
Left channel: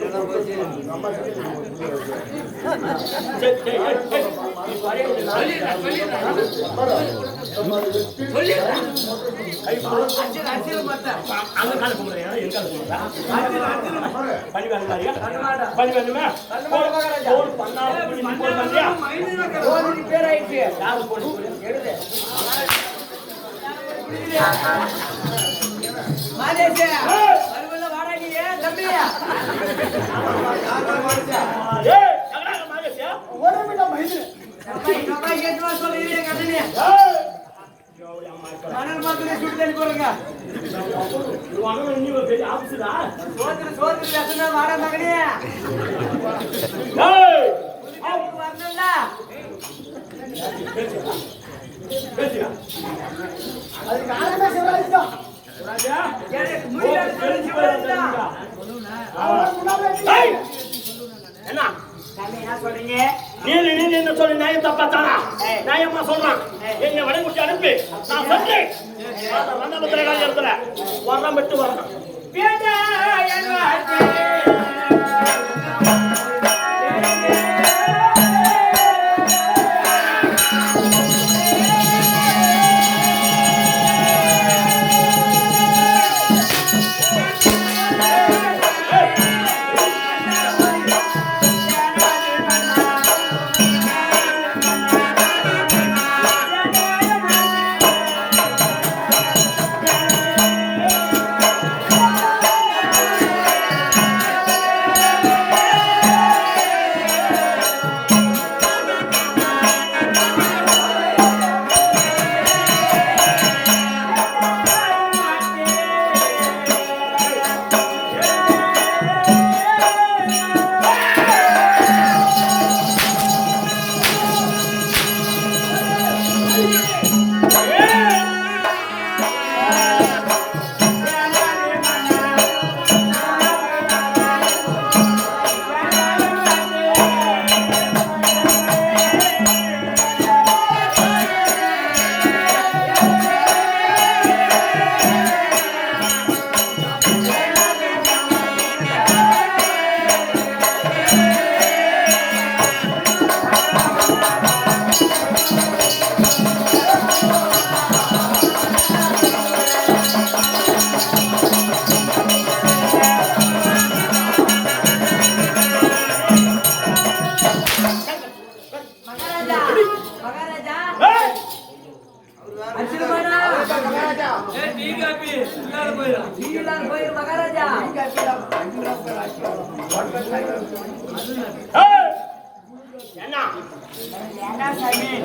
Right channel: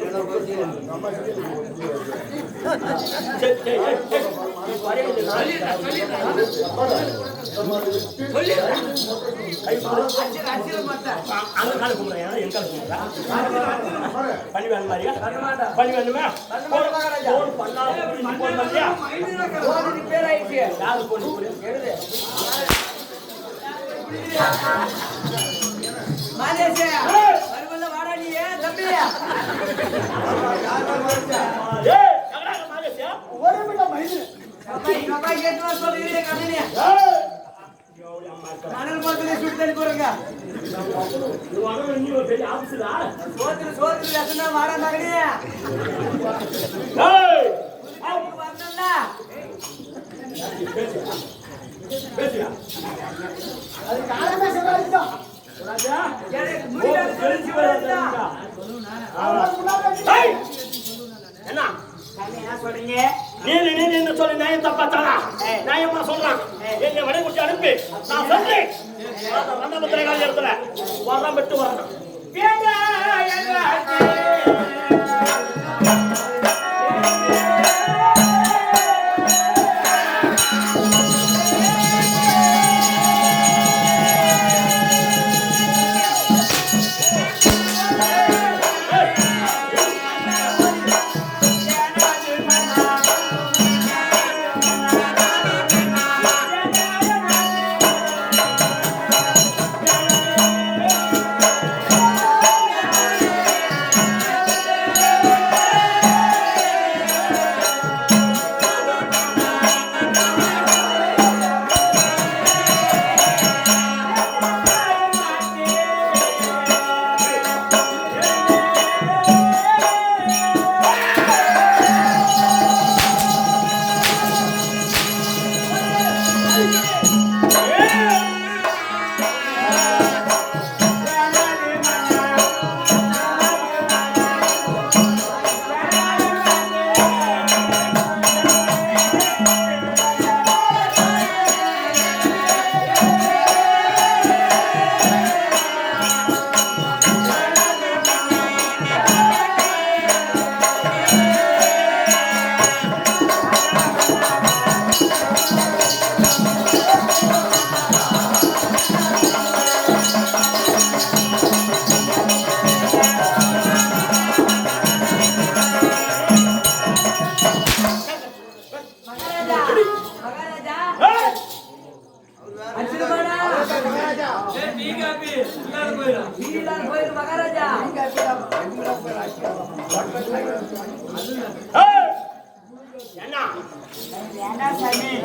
நம்ம அந்த கால கும்பிடுறேன் என் கால கும்பிடுறா பண்ணி வேணும் மாதிரியா பண்ணி வேணுமே போன் பண்ணாத நீ போன் பண்ணியா போன் ரிப்பேர் ஆயிடுச்சு. யாரு போன் எடுது மாதேஷ் வருவல்ல வாடா நீ தம்பியா. ஏய் அங்கடா மாயசியா ஒரே மில்ல மைது கபாய் கேட்டு வா சொல்றீங்க கம்பெனி. மணல் மரத்துல சுட்டு தள்ளி போறங்க. இது வாங்க நீ ஒரு பெரிய ஆபீஸ்டா சோத்துல லட்சணா வாடா மகனே. ஏய் அவங்க வரணும்ல. பேசியா அது காரணமே சொல்றாங்க ராஜா எனக்கு முடியல சொல்லி போறா. ஏய் என்ன சாமி என்ன சொல்றீங்க? நீ என்ன சொல்லி நியாயம் தப்பாத்தானா நியாயமா சொல்றான் என்னை வடை குட்டி அனுப்பி நான் சொல்றேன் வண்ணபத்திர காலி இடத்துல வர்றம் விட்டு வரணும்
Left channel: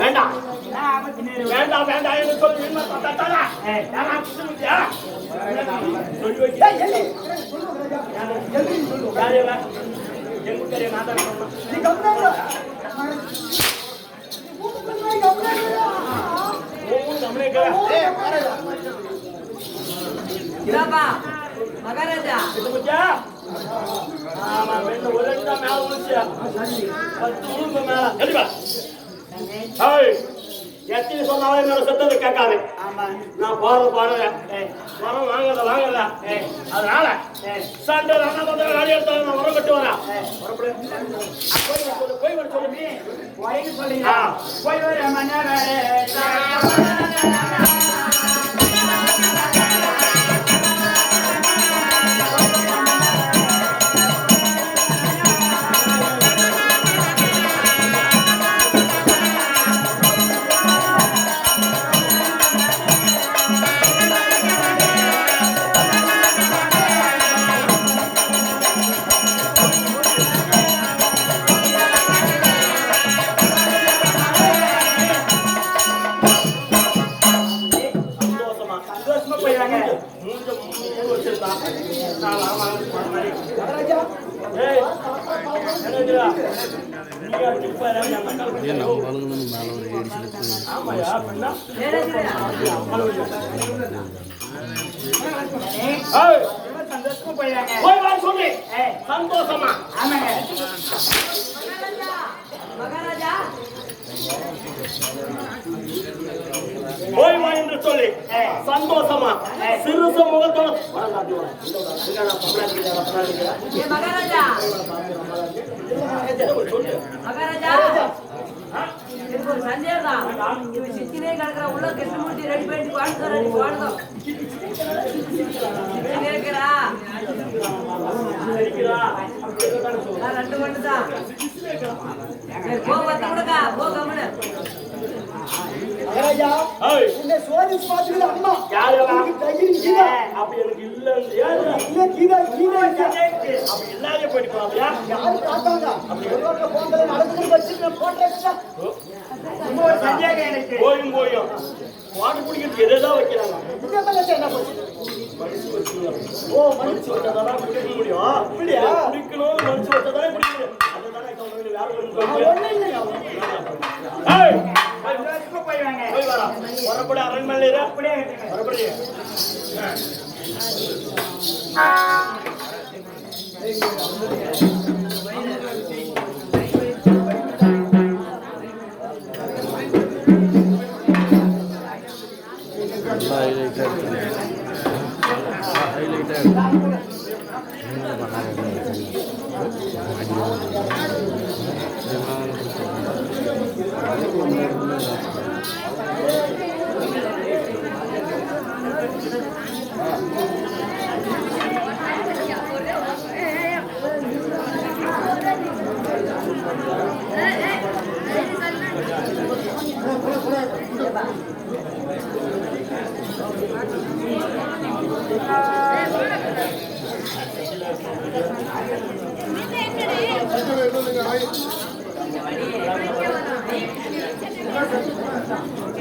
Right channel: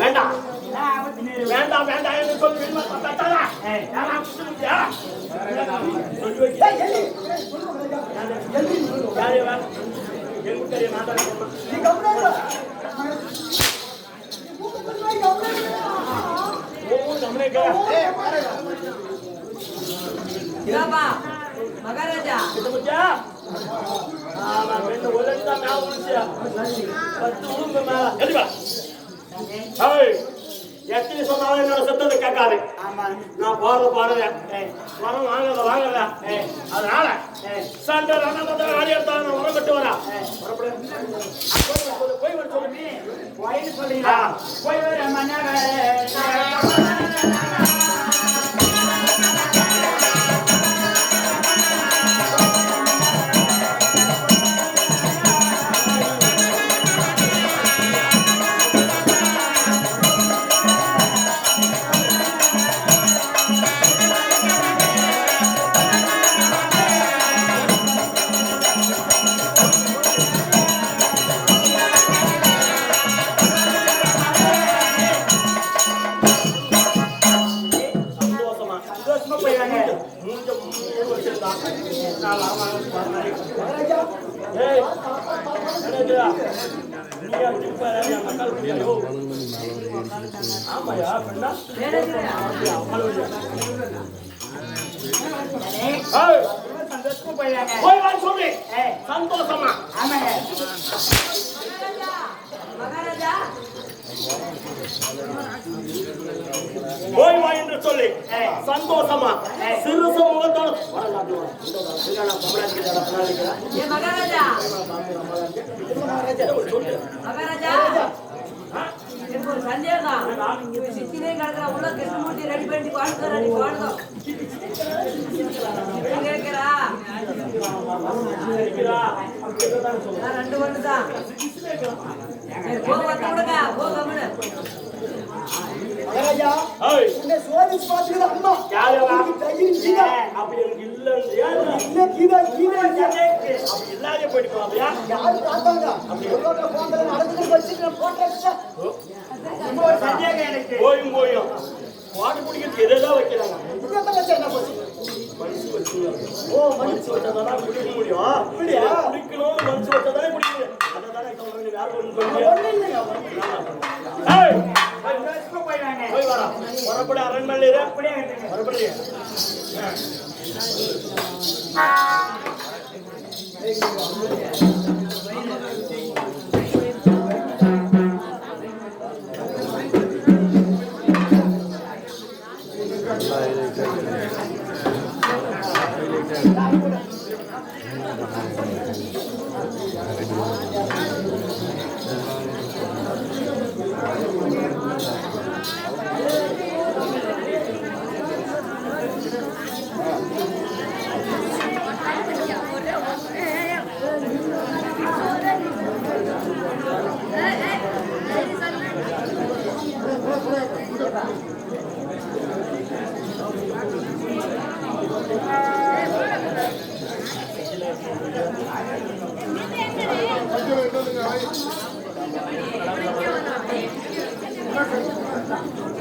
வேண்டாம் வேண்டாம் வேண்டாம் என்று சொல்லி எங்க நான் தான் மகாராஜா ஒரு லட்சம் மேல உழிச்சு 10 உழும்பு மேல எத்தனை சொன்னாலும் என்னோட சத்தத்தை கேட்காது நான் பாடுறேன் வரம் வாங்கல அதனால சண்டை காலி எடுத்தாலும் நான் உரம் கட்டு வரேன் போய் வர சொல்லு போயின்னு சொல்றீங்களா? போய் வர மன்னர் ஆமாயா பெண்ணா சந்தோஷமா போயிடறாங்க. போய் வாங்க சொல்லு சந்தோஷமா ஆமாங்க. மகாராஜா போய் வா என்று சொல்லி சந்தோஷமா சிறு சமூகத்தோட ஏ மகாராஜா சொல்லு மகாராஜா எனக்கு ஒரு சந்தேகம் இவன் சித்தினே கிடக்குற உள்ள கிருஷ்ணமூர்த்தி ரெடி பண்ணி பாடுறா நீ பாடுதோம் இருக்கிறா நான் 2 வண்டு தான் போக கொடுக்கா போக மகாராஜா ஏய் இந்த சோதி பாத்துக்கிற அம்மா யாரா தைரியம் கீதா அப்ப எனக்கு இல்ல யாரு இல்ல கீதா கீதா அப்ப இல்லாத போயிட்டு போறியா யாரு பார்த்தாங்க அப்படி எவ்வளவு போங்கல நடந்து வச்சிட்டு போட்டா சந்தேகம் எனக்கு போயும் வாட்டர் குடிக்கிறதுக்கு எதாவது வைக்கிறாங்க என்ன போச்சு மனுஷி வச்சுருந்தாங்க மனுஷி வச்சாதானே குடிக்க முடியும் குடிக்கணும் மனுஷி வச்சாதானே குடிக்க முடியும் அதை தானே போய் வரா வரப்படி அரண்மனை வரப்படி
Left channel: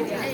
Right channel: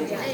Hey.